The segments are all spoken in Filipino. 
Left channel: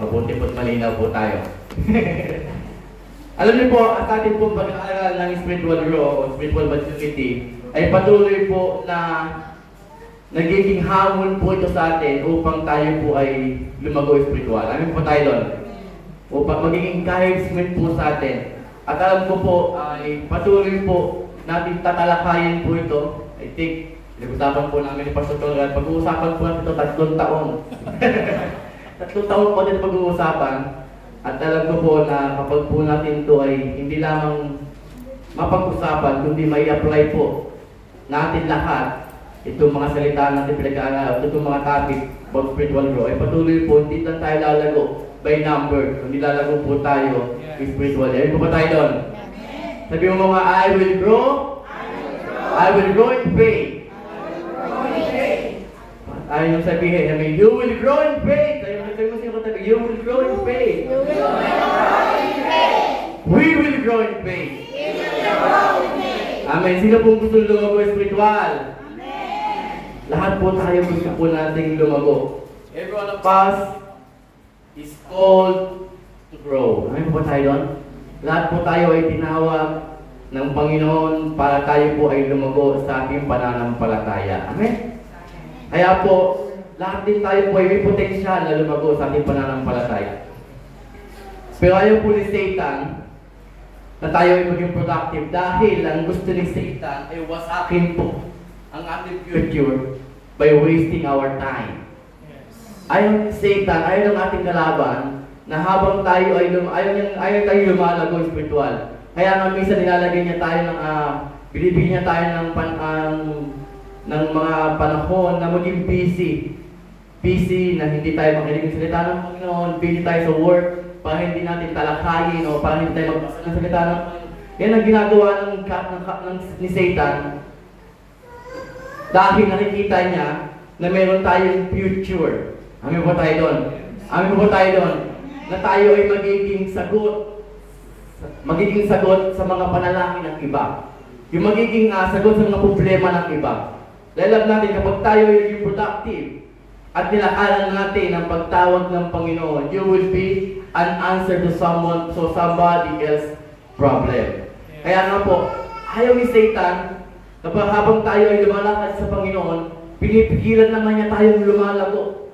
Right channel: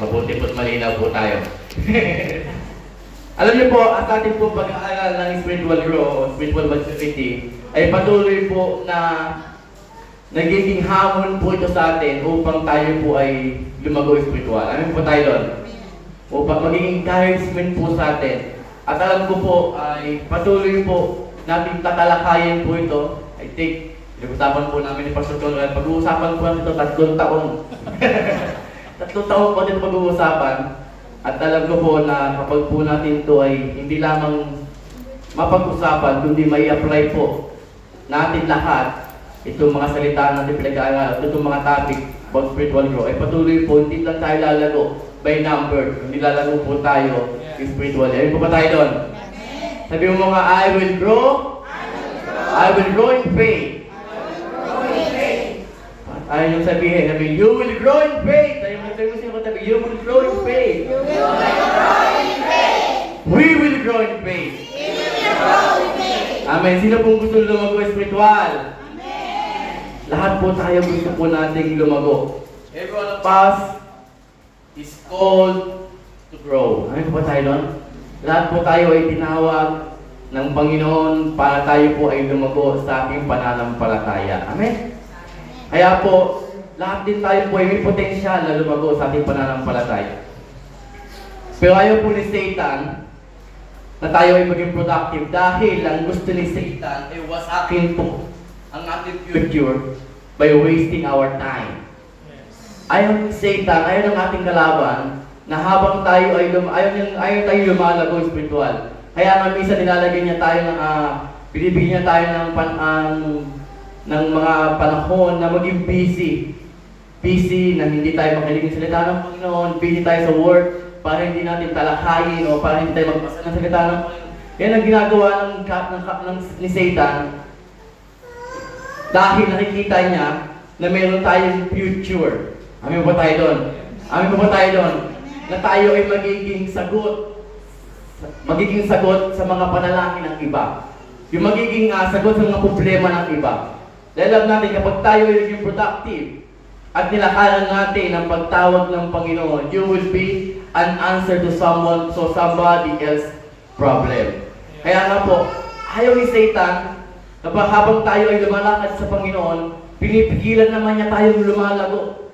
Mabuti po't malinaw po tayo. Alam niyo po, at ating pong pag-aaral ng spiritual growth o spiritual maturity ay patuloy po na nagiging hamon po ito sa atin upang tayo po ay lumago spiritual. Ano po tayo doon? Upang magiging encouragement po sa atin. At alam ko po ay patuloy po natin tatalakayin po ito. I think, pinag-usapan po namin ni Pastor Conrad, pag-uusapan po natin ito 3 taong. 3 taong po din pag-uusapan. At alam ko po na kapag po natin ito ay hindi lamang mapag-usapan, kundi may apply po natin lahat itong mga salita natin pinag-aaral, itong mga topic about spiritual growth, ay patuloy po, hindi lang tayo lalago by number, kundi lalago po tayo spiritually. Ayun po ba tayo doon? Sabi mo mga, I will grow in faith. Ayun yung sabihin, you will grow in faith. Ayun yung sabihin, you will grow in faith. We will grow in faith. Amen. Sino pong gusto lumago spiritual? Amen. Lahat po tayo gusto po nating lumago. Every one of us is called to grow. Amen po ba tayo doon? Lahat po tayo ay tinawag ng Panginoon para tayo po ay lumago sa ating pananampalataya. Amen? Kaya po, lahat din tayo po ay may potensyal na lumago sa ating pananampalataya. Pero ayaw po ni Satan na tayo ay maging productive dahil ang gusto ni Satan ay wasakin po ang ating future by wasting our time. Ayaw ni Satan, ayaw ng ating kalaban na habang tayo ay ayaw tayo lumalago spiritual. Kaya nga minsan nilalagay niya tayo ng binibigyan niya tayo ng mga panahon na maging busy na hindi tayo makinig sa salita ng Panginoon, busy tayo sa work para hindi natin talakayin o para hindi tayo magbasa ng salita ng Panginoon. Yan ang ginagawa ni Satan dahil nakikita niya na meron tayong future. Amin po tayo doon. Amin po tayo doon. Na tayo ay magiging sagot sa mga panalangin ng iba. Yung magiging sagot sa mga problema ng iba. Dahil alam natin, kapag tayo ay naging productive at nilakaran natin ang pagtawag ng Panginoon, you will be an answer to somebody else's problem. Kaya nga po, ayaw ni Satan, kapag habang tayo ay lumalakad sa Panginoon, pinipigilan naman niya tayong lumalago.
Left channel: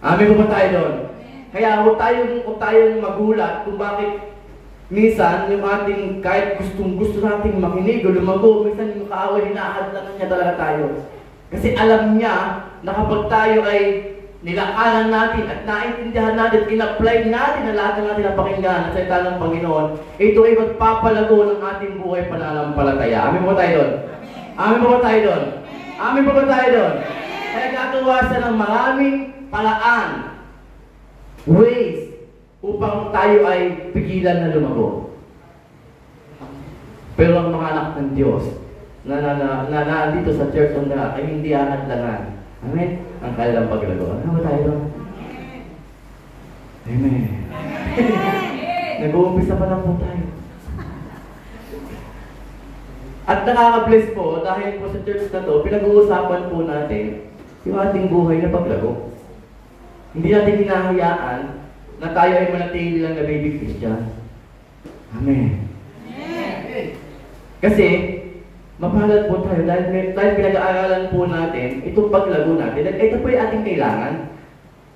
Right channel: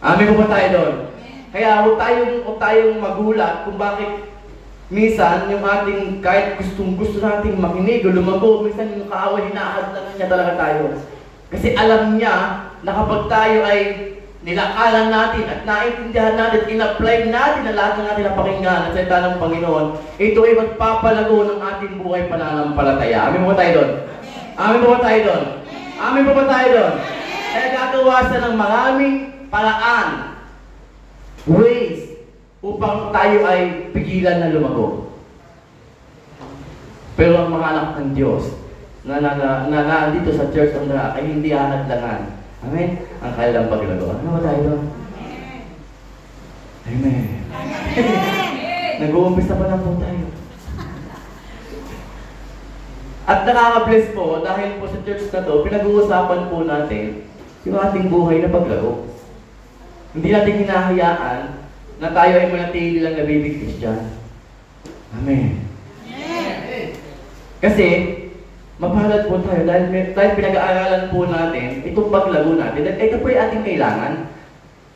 Amin po ba tayo doon? Kaya huwag tayong magulat kung bakit minsan, yung ating kahit gusto nating makinig o lumago, minsan yung kaaway, hinahadlangan niya talaga tayo. Kasi alam niya na kapag tayo ay nilakaran natin at naintindihan natin, in-apply natin na lahat ng ating napakinggan at salita ng Panginoon, ito ay magpapalago ng ating buhay pananampalataya. Amin po tayo doon? Amin po tayo doon? Amin po tayo doon? Kaya gagawa siya ng maraming paraan, ways, upang tayo ay pigilan na lumago. Pero ang mga anak ng Diyos na nandito sa Church on the Rock ay hindi ahadlangan. Amen? Ang kailang paglago. Ano ba tayo doon? Amen. Nag-uumpisa pa lang po tayo. At nakaka-bless po dahil po sa church na to, pinag-uusapan po natin yung ating buhay na paglago. Hindi natin hinahayaan na tayo ay manatili lang na baby Christian. Amen. Amen. Kasi, mapalad po tayo dahil pinag-aaralan po natin itong paglago natin. Ito po yung ating kailangan.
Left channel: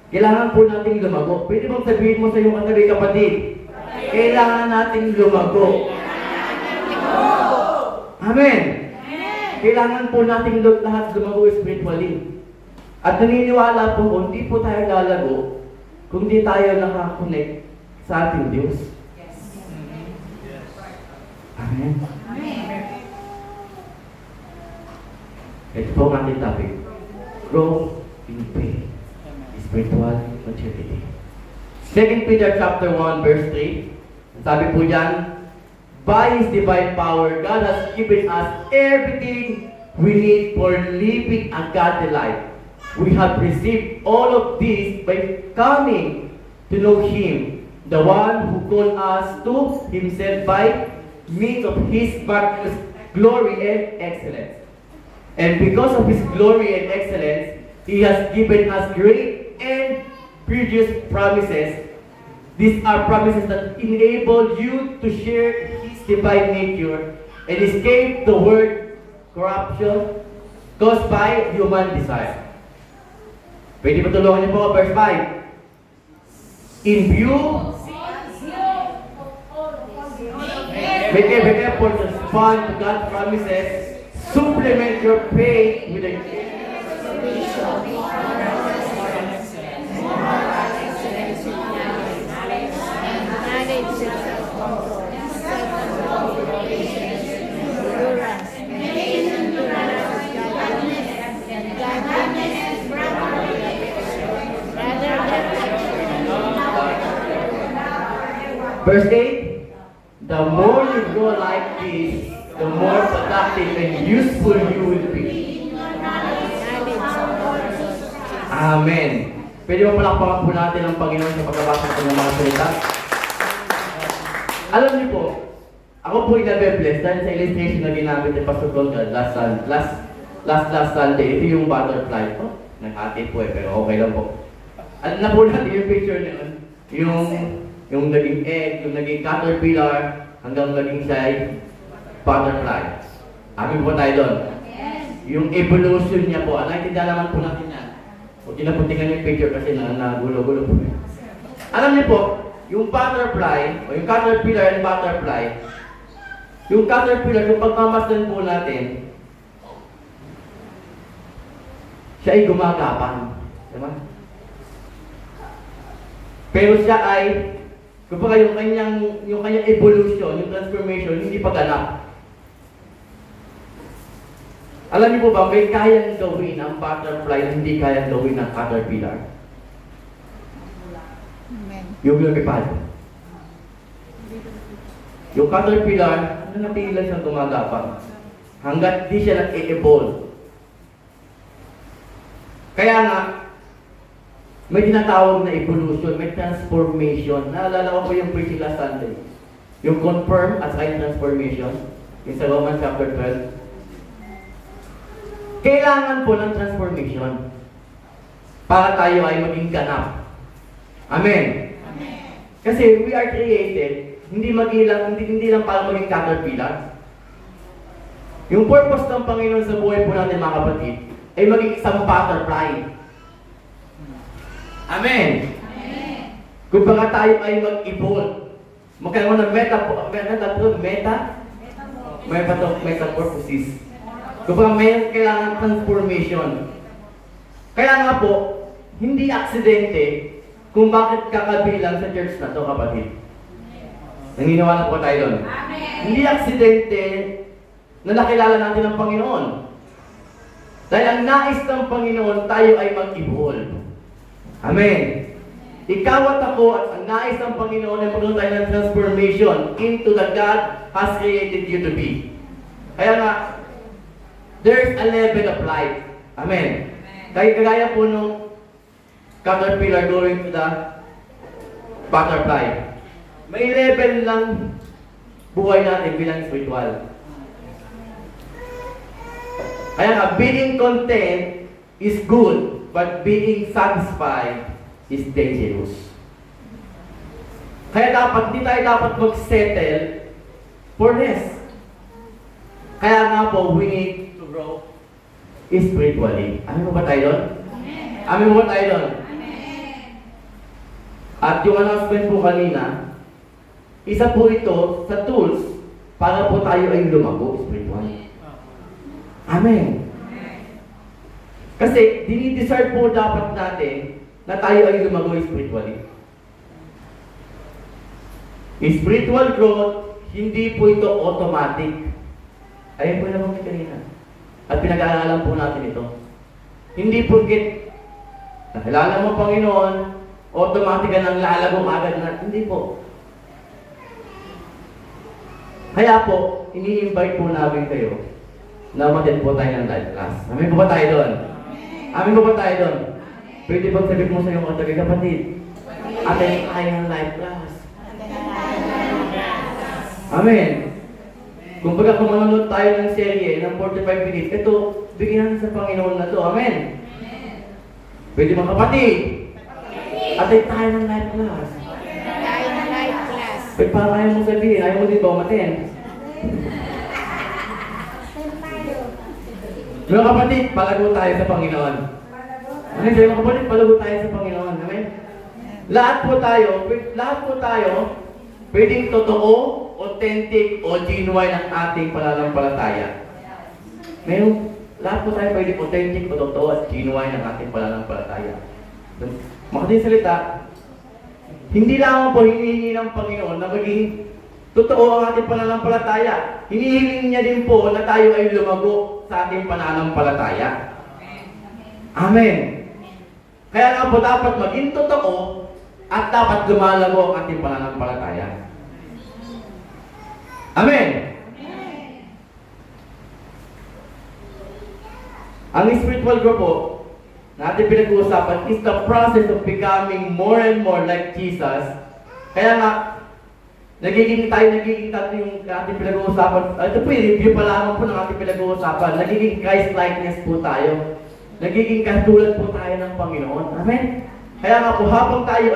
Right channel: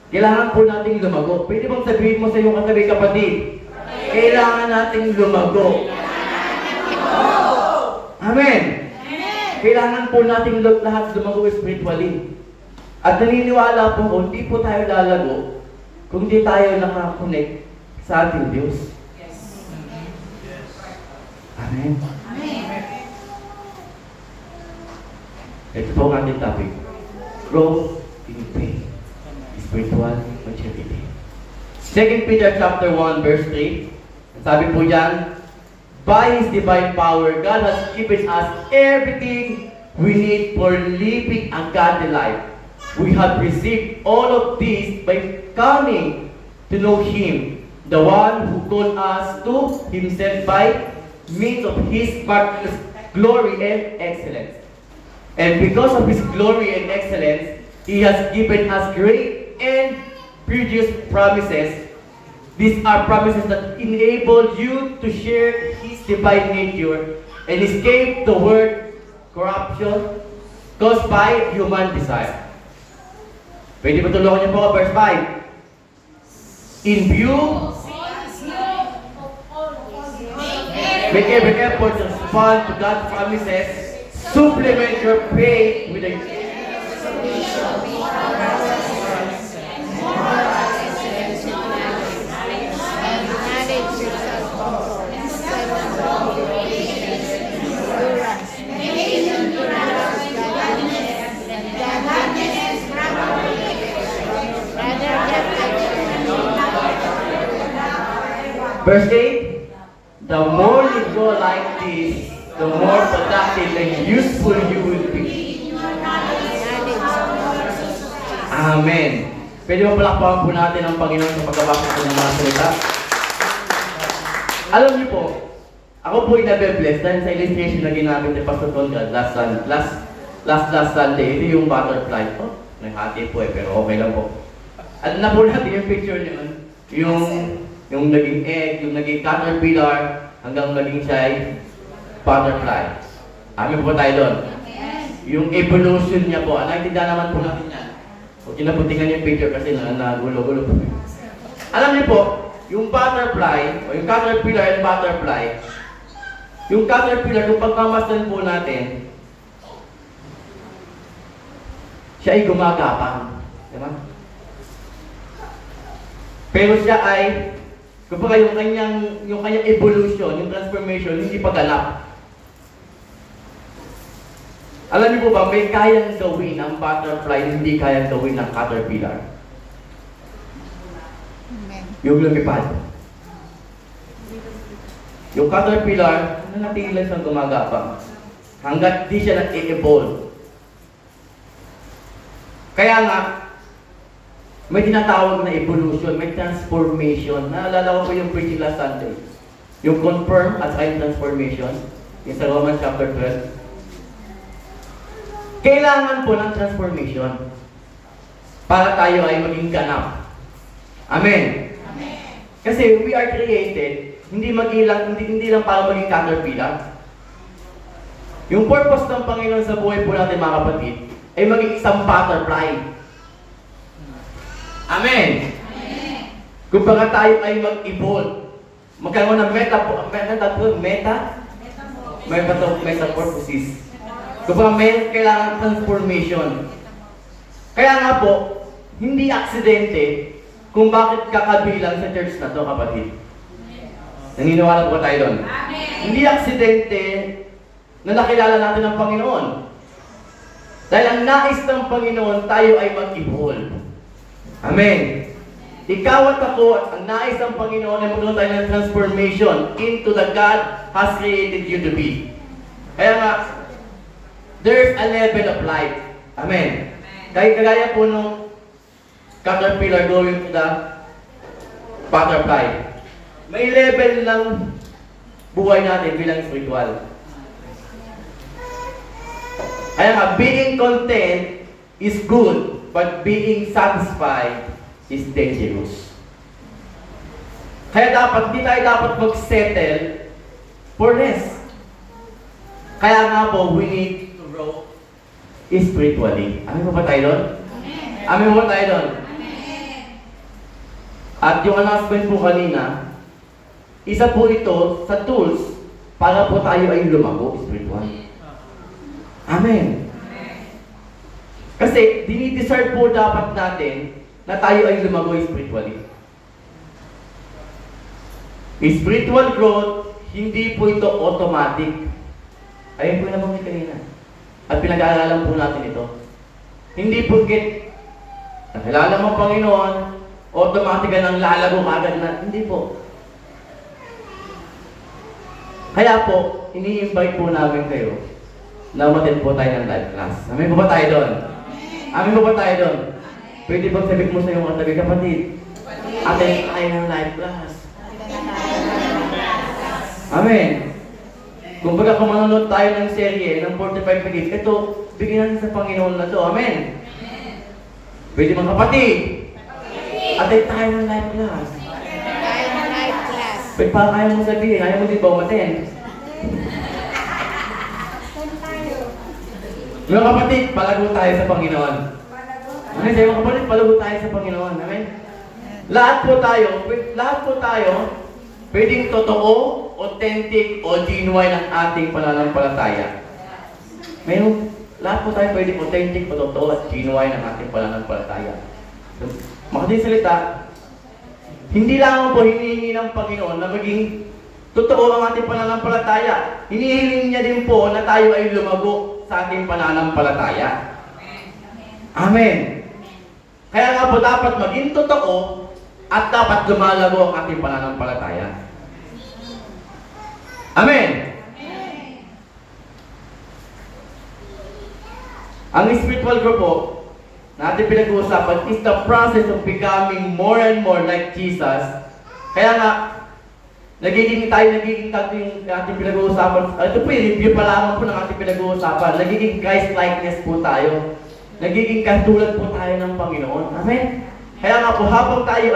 Kailangan po nating lumago. Pwede bang sabihin mo sa iyong katabi kapatid? Kailangan nating lumago. Amen. Kailangan po nating lahat lumago spiritually. At naniniwala po kung hindi po tayo lalago kung di tayo nakakonect sa ating Diyos. Yes. Amen. Amen. Ito po ang ating topic. Growth in faith. Spiritual maturity. 2 Peter chapter 1 verse 3. Sabi po dyan, by His divine power, God has given us everything we need for living a godly life. We have received all of this by coming to know Him, the one who called us to Himself by means of His marvelous glory and excellence. And because of His glory and excellence, He has given us great and previous promises, these are promises that enable you to share His divine nature and escape the word corruption caused by human desire. Pwede ba tulungan niyo po, verse 5? In view, make every effort to respond to God's promises, supplement your faith with a Verse 8, the more you go like this, the more productive and useful you will be. Amen. Pwede mo palakpakan po natin ang Panginoon sa pagbabasa po ng mga salita. Alam niyo po, ako po inabe-bless dahil sa illustration na ginamit ni Pastor Conrad last Sunday. Ito yung butterfly po. Naghati po pero okay lang po. Alam na po natin yung picture niya. Yung naging egg, yung naging caterpillar, hanggang maging siya ay butterfly. Amin po tayo doon. Yung evolution niya po, naintindihan naman po natin yan. Huwag niyo na putingan yung picture kasi nagulo-gulo po. Alam niyo po, yung butterfly, o yung caterpillar and butterfly, yung caterpillar, kung pagmamasdan po natin, siya ay gumagapang. Diba? Pero siya ay, kumbaga yung kanyang evolution, yung transformation, hindi pa ganap. Alam niyo po ba, may kayang gawin ang butterfly na hindi kayang gawin ng caterpillar. Amen. Yung lumipad. Yung caterpillar, nanatili lang siyang gumagapang. Hanggat di siya nag-evolve. Kaya nga, may tinatawag na evolution, may transformation. Naalala ko po yung preaching last Sunday. Yung confirm at saka yung transformation. Yung sa Romans chapter 12. Kailangan po ng transformation para tayo ay maging ganap. Amen. Amen. Kasi we are created, hindi lang para maging caterpillar. Yung purpose ng Panginoon sa buhay po natin mga kapatid, ay maging isang butterfly. Amen. Amen. Kung baka tayo ay mag-evolve, magkaroon ng metamorphosis. Kung baka may kailangan transformation. Kaya nga po, hindi aksidente kung bakit kakabilang sa church na to, kapatid. Naniniwala po tayo doon. Amen. Hindi aksidente na nakilala natin ang Panginoon. Dahil ang nais ng Panginoon, tayo ay mag-evolve. Amen. Ikaw at ako, ang nais ng Panginoon ay magkaroon tayo ng transformation into the God has created you to be. Kaya nga, there's a level of life. Amen. Dahil kagaya po nung caterpillar going to the butterfly. May level ng buhay natin bilang spiritual. Kaya nga, being content is good, but being satisfied is dangerous. Kaya hindi tayo dapat mag-settle for less. Kaya nga po, we need to grow spiritually. Amin po ba tayo doon? Amin po ba tayo doon? At yung announcement po kanina, isa po ito sa tools para po tayo ay lumago spiritually. Amen. Kasi dinidesire po dapat natin na tayo ay lumago spiritually. Spiritual growth, hindi po ito automatic. Ayun po naman kanina. At pinag-aaralan po natin ito. Hindi porket nakilala mo ang Panginoon, automatic ka nang lalago agad na. Hindi po. Kaya po, ini-invite po namin kayo na umattend po tayo ng live class. Amin po ba tayo doon? Amin po ba tayo doon? Pwede bang sabi mo sa iyong katabi, kapatid? Attend tayo ng live class. Amen. Kung baga kung manonood tayo ng serye ng 45 minutes, ito, bigyan natin sa Panginoon na to. Amen. Pwede mga kapatid. Attend tayo ng live class. Tayo ng live class. Pwede pa kaya mo sabihin, ayaw mo din ba umaten? Mga kapatid, palago tayo sa Panginoon. Ano kayo mga kapatid, palago tayo sa Panginoon. Amen? Lahat po tayo, pwedeng totoo, authentic, o genuine ang ating pananampalataya. Ngayon, lahat po tayo pwedeng authentic, o totoo, at genuine ang ating pananampalataya. So, makading salita, hindi lang po hinihingi ng Panginoon na maging totoo ang ating pananampalataya. Hinihiling niya din po na tayo ay lumago sa ating pananampalataya. Amen. Kaya nga po dapat maging totoo at dapat lumalago ang ating pananampalataya. Amen. Ang spiritual group po na ating pinag-uusapan is the process of becoming more and more like Jesus. Kaya nga, nagiging tatlo yung ating pinag-uusapan. Ito po yung review pa lamang po ng ating pinag-uusapan. Nagiging Christ-likeness po tayo. Nagiging katulad po tayo ng Panginoon. Amen? Kaya nga po, habang tayo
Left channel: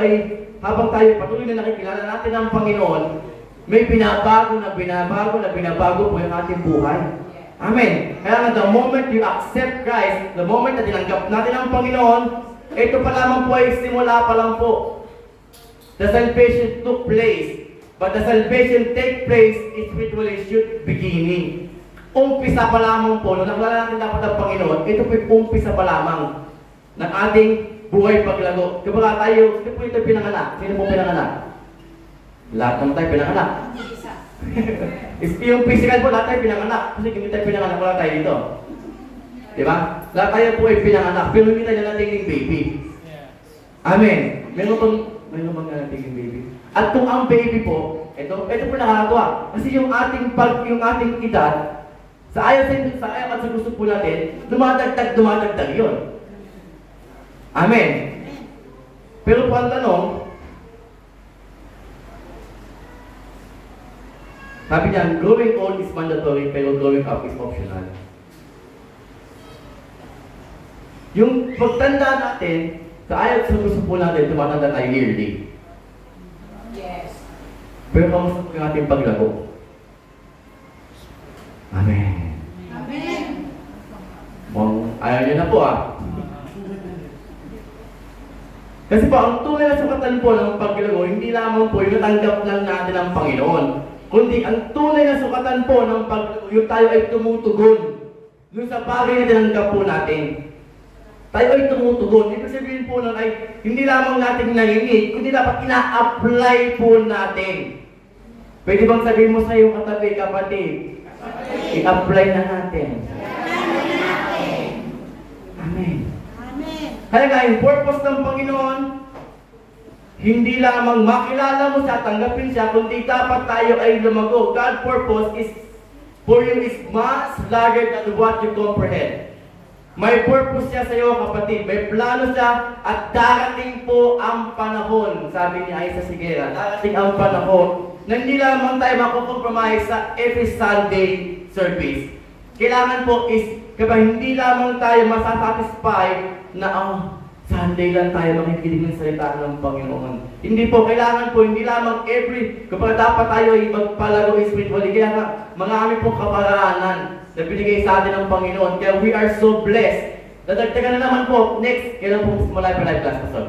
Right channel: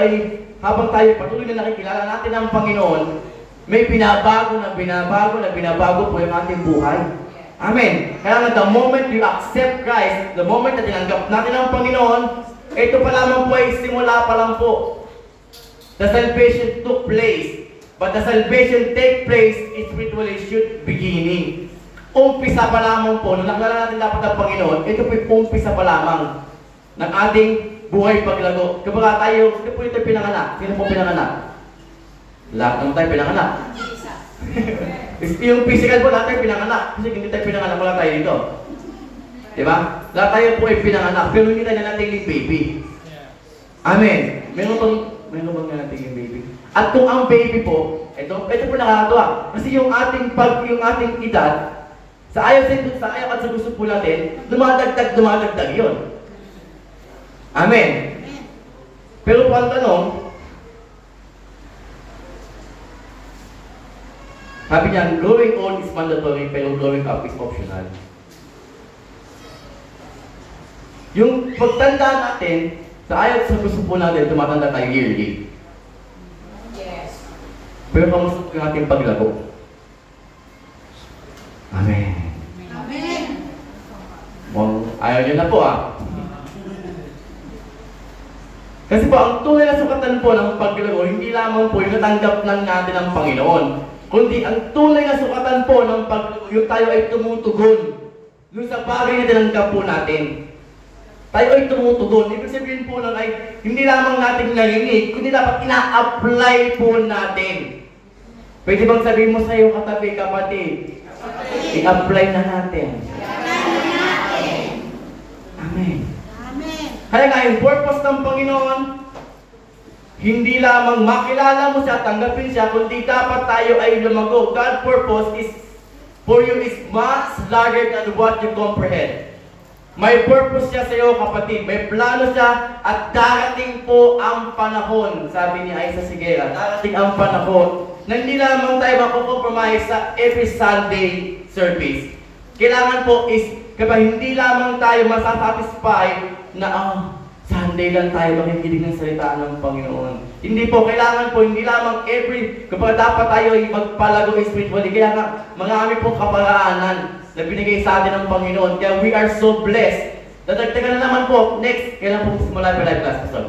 patuloy na nakikilala natin ang Panginoon, may binabago po yung ating buhay. Amen? Kaya nga, the moment you accept Christ, the moment na tinanggap natin ang Panginoon, ito pa lamang po ay simula pa lang po. The salvation took place. But the salvation take place spiritually should beginning. Umpisa pa lamang po, nung nakilala natin dapat ang Panginoon, ito po yung umpisa pa lamang ng ating buhay paglago. Kapag tayo, ito po ito pinanganak. Sino po pinanganak? Lahat ng tayo pinanganak. Yung physical po, lahat tayo pinanganak. Kasi hindi tayo pinanganak, wala tayo dito. Diba? Lahat tayo po ay pinanganak, pero hindi tayo nanatiging baby. Amen. Meron bang nanatiging baby? At kung ang baby po, ito po nakakatuwa. Kasi yung ating edad, sa ayaw at sa gusto po natin, dumadagdag yun. Amen. Pero po ang tanong, sabi niya, growing old is mandatory, pero growing up is optional. Yung pagtanda natin, sa ayaw at sa gusto po natin, tumatanda tayo yearly. Pero kamusta po yung ating paglago? Amen. Amen. Ayaw niyo na po Kasi po, ang tunay na sukatan po ng paglago, hindi lamang po yung natanggap lang natin ang Panginoon. Kundi ang tunay na sukatan po ng paglago, yung tayo ay tumutugon. Yung sa bagay na tinanggap po natin. Tayo ay tumutugon. Ibig sabihin po nun ay hindi lamang natin narinig, kundi dapat ina-apply po natin. Pwede bang sabihin mo sa iyong katabi, kapatid? I-apply na natin. Amen. Amen. Kaya nga, yung purpose ng Panginoon, hindi lamang makilala mo siya, tanggapin siya, kundi dapat tayo ay lumago. God's purpose is for you is much larger than what you comprehend. May purpose siya sa iyo, kapatid. May plano siya at darating po ang panahon. Sabi ni Aiza Sigera, darating ang panahon na hindi lamang tayo makukompromise sa every Sunday service. Kailangan po is, kapag hindi lamang tayo masasatisfy na Sunday lang tayo makikinig ng salita ng Panginoon. Hindi po, kailangan po, hindi lamang kapag dapat tayo magpalago spiritually, kailangan marami po kaparaanan na binigay sa atin ng Panginoon. Kaya we are so blessed. Dadagdagan na naman po, next, kailan po simula yung live class, Pastor?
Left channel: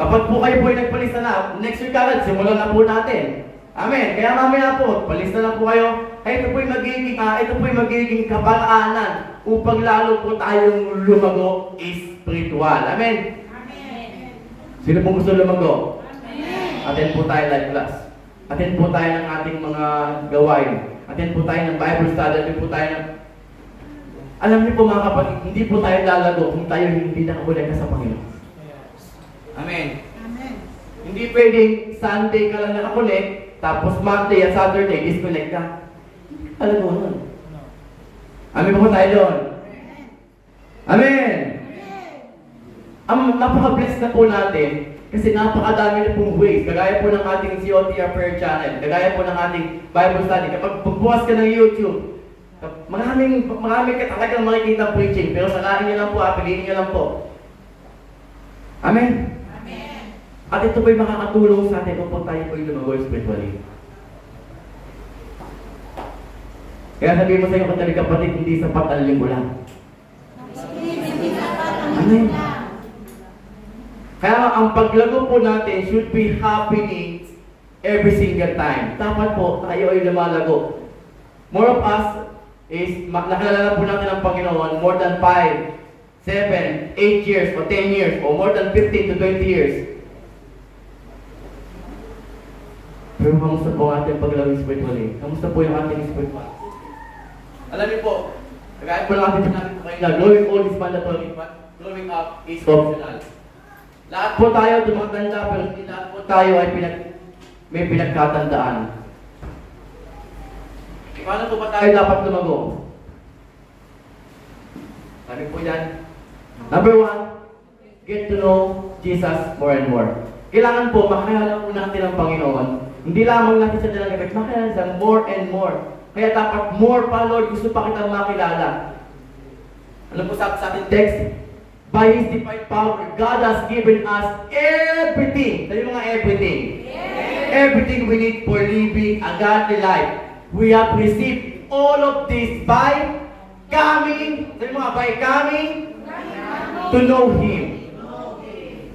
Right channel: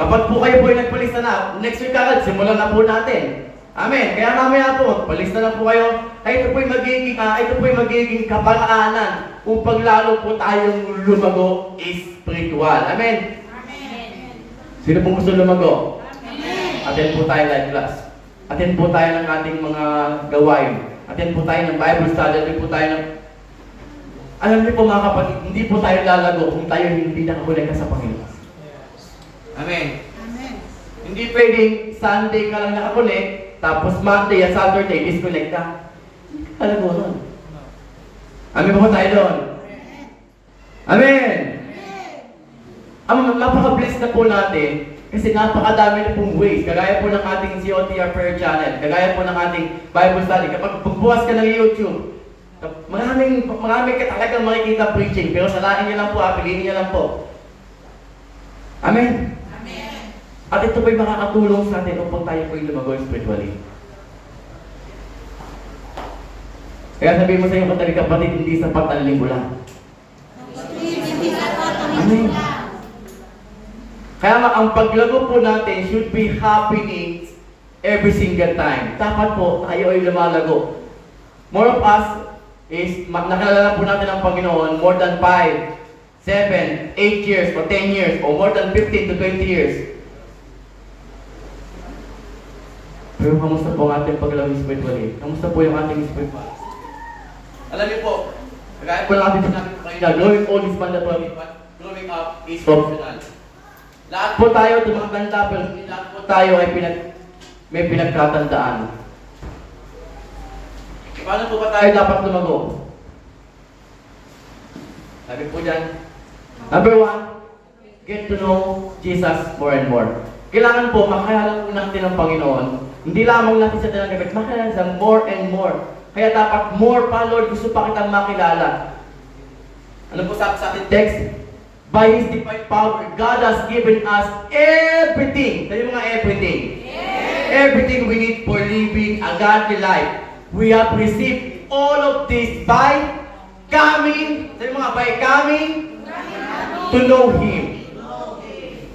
Kapag po kayo po ay nagpalista na, next week agad, simulan na po natin. Amen. Kaya mamaya po, palista na po kayo. Ito po yung magiging kaparaanan upang lalo po tayong lumago spiritual. Amen. Amen. Sino pong gusto lumago? Amen. Attend po tayo live class. Attend po tayo ng ating mga gawain. Attend po tayo ng Bible study. Attend po tayo ng... Alam niyo po mga kapatid, hindi po tayo lalago kung tayo hindi nakakulega sa Panginoon. Amen. Amen. Hindi pwedeng Sunday ka lang nakakuleg, tapos Monday at Saturday, disconnect ka. Alam mo nun. Amen po tayo doon. Amen. Ang mapaka-bless na po natin kasi napakadami na pong ways. Kagaya po ng ating COTR prayer channel, kagaya po ng ating Bible study. Kapag pagbukas ka ng YouTube, marami ka talagang makikita preaching, pero salain niyo lang po, piliin niyo lang po. Amen. Amen. At ito ba'y makakatulong sa atin upang tayo po'y lumago spiritually. Kaya sabihin mo sa iyo, kung kapatid, hindi sapat ang linggo lang. Amen. Kaya nga, ang paglago po natin should be happening every single time. Dapat po, tayo ay lumalago. More of us is, nakilala po natin ang Panginoon more than 5, 7, 8 years, or 10 years, or more than 15 to 20 years. Pero kamusta po ang ating paglago spiritually? Kamusta po yung ating spiritual? Alam niyo po, kagaya po lang ating sinabi po kayo na growing old is mandatory, but growing up is optional. Lahat po tayo tumatanda, pero hindi lahat po tayo ay may pinagkatandaan. Paano po ba tayo dapat lumago? Sabi po dyan, number 1, get to know Jesus more and more. Kailangan po, makakilala po natin ang Panginoon. Hindi lamang natin sa dalang gabi, makakilala sa more and more. Kaya dapat more pa, Lord, gusto pa kitang makilala. Ano po sabi sa ating text? By His divine power, God has given us everything. Sabi mga everything. Everything we need for living a godly life. We have received all of this by coming, sabi mga by coming to know Him.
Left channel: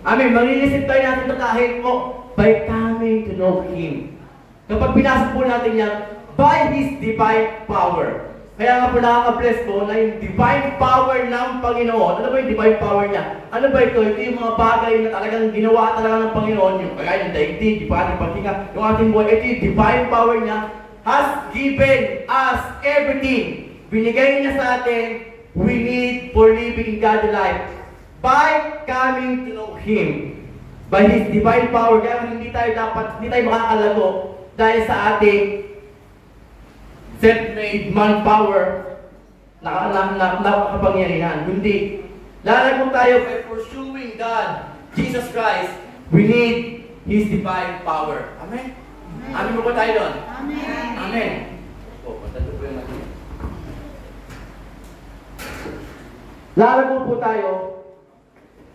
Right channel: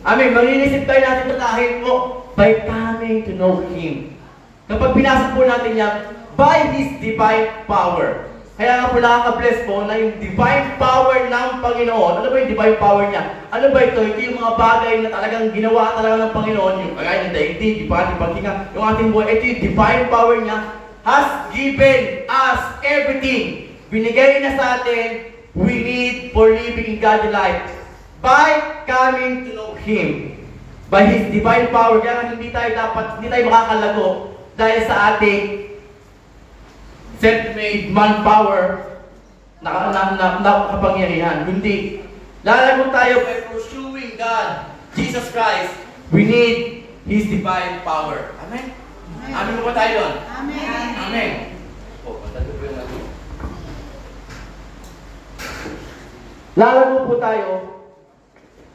Amen. Maninisip tayo natin ito dahil po by coming to know Him. Kapag pinasok po natin yan, by His divine power. Kaya nga po nakaka-bless po na yung divine power ng Panginoon. Ano ba yung divine power niya? Ano ba ito? Ito yung mga bagay na talagang ginawa talaga ng Panginoon. Yung kagaya ng daigdig, yung ating paghinga, yung ating buhay. Ito yung divine power niya has given us everything. Binigay na sa atin, we need for living in God's life by coming to know Him. By His divine power. Kaya hindi tayo makakalago dahil sa ating self-made manpower nakakapangyarihan. Hindi. Lalago tayo by pursuing God, Jesus Christ. We need His divine power. Amen? Amen mo ba tayo doon? Amen. Amen. O, patalo po yung mali. Lalago po tayo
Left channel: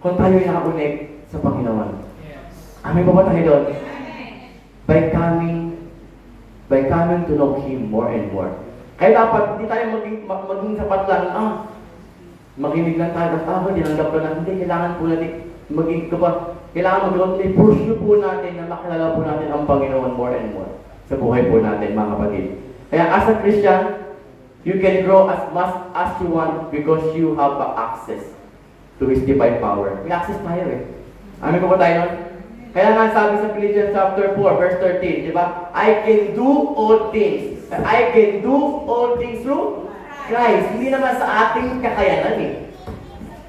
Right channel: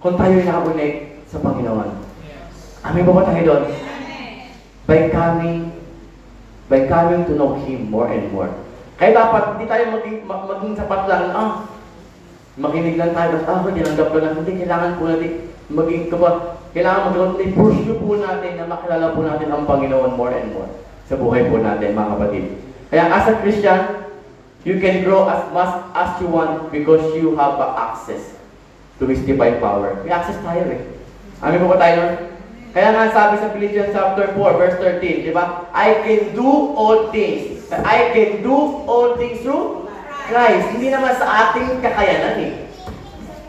kung tayo ay nakabunig sa Panginoon. Amen po ba tayo doon? By coming to know Him more and more. Kaya dapat hindi tayo maging sapat lang, makinig lang tayo, dinanggap ko lang. Hindi, kailangan po natin kailangan magkaroon pursue po natin na makilala po natin ang Panginoon more and more sa buhay po natin, mga kapatid. Kaya as a Christian, you can grow as much as you want because you have access to His divine power. May access tayo eh. Amin po ba tayo? Kaya nga sabi sa Philippians chapter 4, verse 13, di ba? I can do all things. I can do all things through Christ. Hindi naman sa ating kakayanan eh.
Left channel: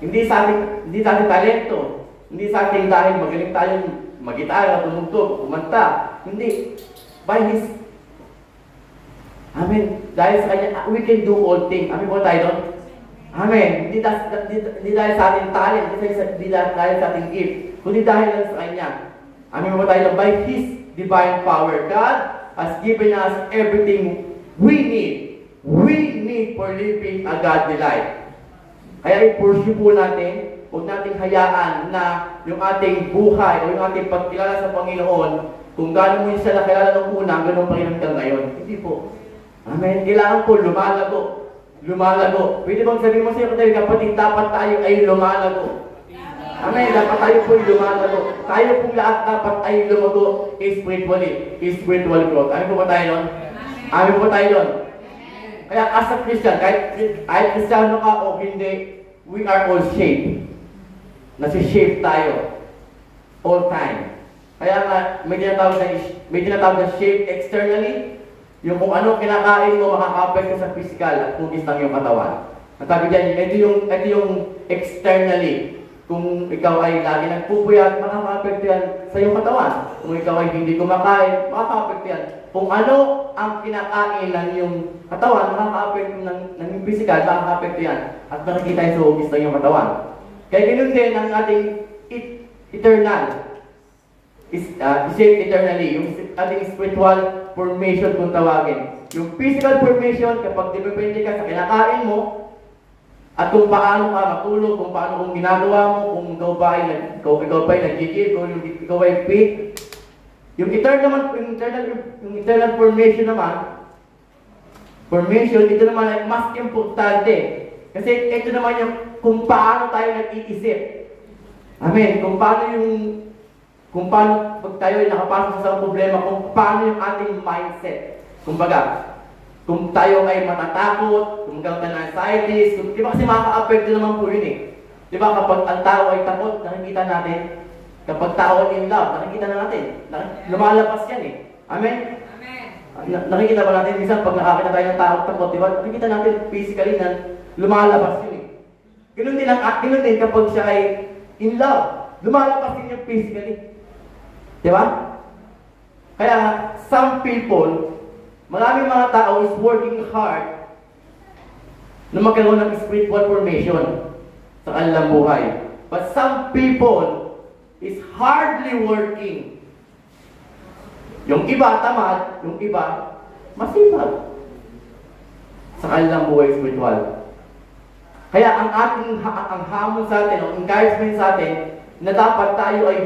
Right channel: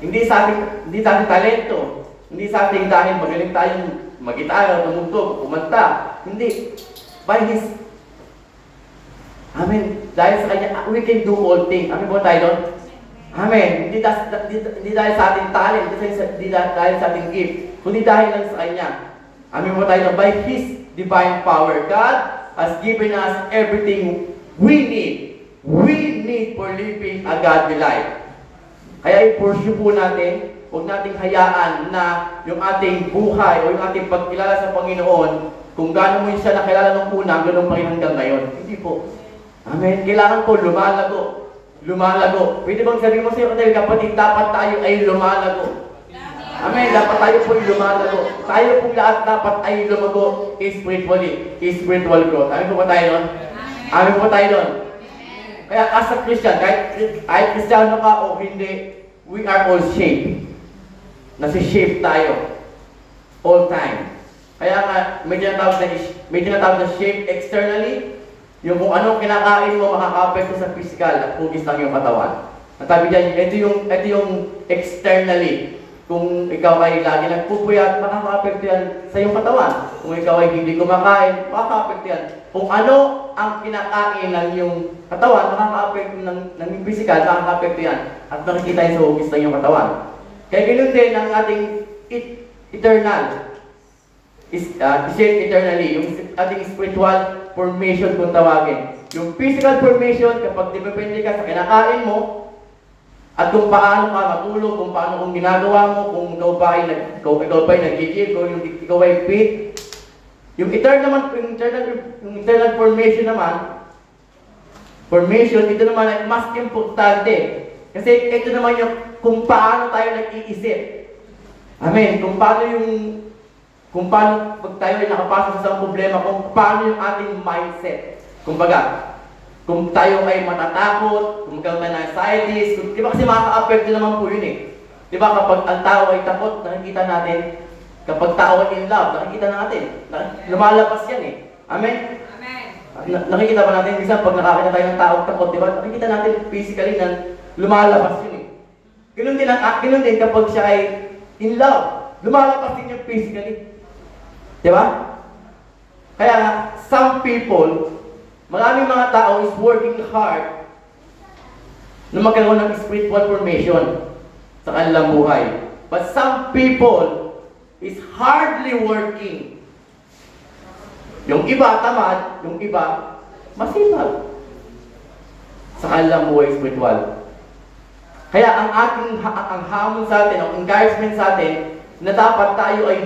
Hindi sa ating talento. Hindi sa ating dahil magaling tayong magitara, tumugtog, kumanta. Hindi. By His Amen. Dahil sa Kanya, we can do all things. Amen po tayo doon? Amen. Hindi dahil sa ating talent, hindi dahil sa ating gift, kundi dahil lang sa Kanya. Amen po tayo doon. By His divine power, God has given us everything we need. We need for living a godly life. Kaya i-pursue po natin, huwag nating hayaan na yung ating buhay o yung ating pagkilala sa Panginoon, kung gaano mo siya nakilala ng una, ganoon pa rin hanggang ngayon. Hindi po. Amen. Kailangan po lumalago. Lumalago. Pwede bang sabihin mo sa iyo, kapatid, dapat tayo ay lumalago. Amen. Dapat tayo po ay lumalago. Tayo pong lahat dapat ay lumago spiritually. Spiritual growth. Amen po ba tayo doon? Amen po tayo doon. Kaya as a Christian, kahit Kristiyano ka o hindi, we are all shaped. Nasi-shape tayo. All time. Kaya nga, may tinatawag na shape externally. Yung kung anong kinakain mo, makaka-apekto sa physical at kugis lang yung katawan. Natabi dyan, ito yung externally. Kung ikaw ay lagi nagpupuyat, makaka-apekto yan sa iyong katawan. Kung ikaw ay hindi kumakain, makaka-apekto yan. Kung ano ang kinakain ng iyong katawan, makaka-apekto ng iyong physical, makaka-apekto yan. At makikita yung sa hugis ng iyong katawan. Kaya ganoon din ang ating eternal. Shape eternally. Yung ating spiritual formation kung tawagin. Yung physical formation, kapag depende ka sa kinakain mo, At kung paano ka matulog, kung paano kung ginagawa mo, kung ikaw ba ay nagigil, kung ikaw ay fit. Yung eternal formation naman, ito naman ay mas importante. Kasi ito naman yung kung paano tayo nag-iisip. Amen. Kung paano pag tayo ay nakapasok sa isang problema, kung paano yung ating mindset. Kumbaga, kung tayo ay matatakot, kung kang anxieties, di ba kasi makaka-apekto naman po yun eh. Di ba kapag ang tao ay takot, nakikita natin. Kapag tao ay in love, nakikita natin. Lumalabas yan eh. Amen? Amen. Nakikita ba natin, minsan pag nakakita tayo ng tao takot, di ba? Nakikita natin physically na lumalabas yun eh. Ganun din kapag siya ay in love, lumalabas din yung physically. Di ba? Kaya some people, maraming mga tao is working hard na magkaroon ng spiritual formation sa kanilang buhay. But some people is hardly working. Yung iba tamad, yung iba masipag sa kanilang buhay spiritual. Kaya ang hamon sa atin, ang encouragement sa atin, na dapat tayo ay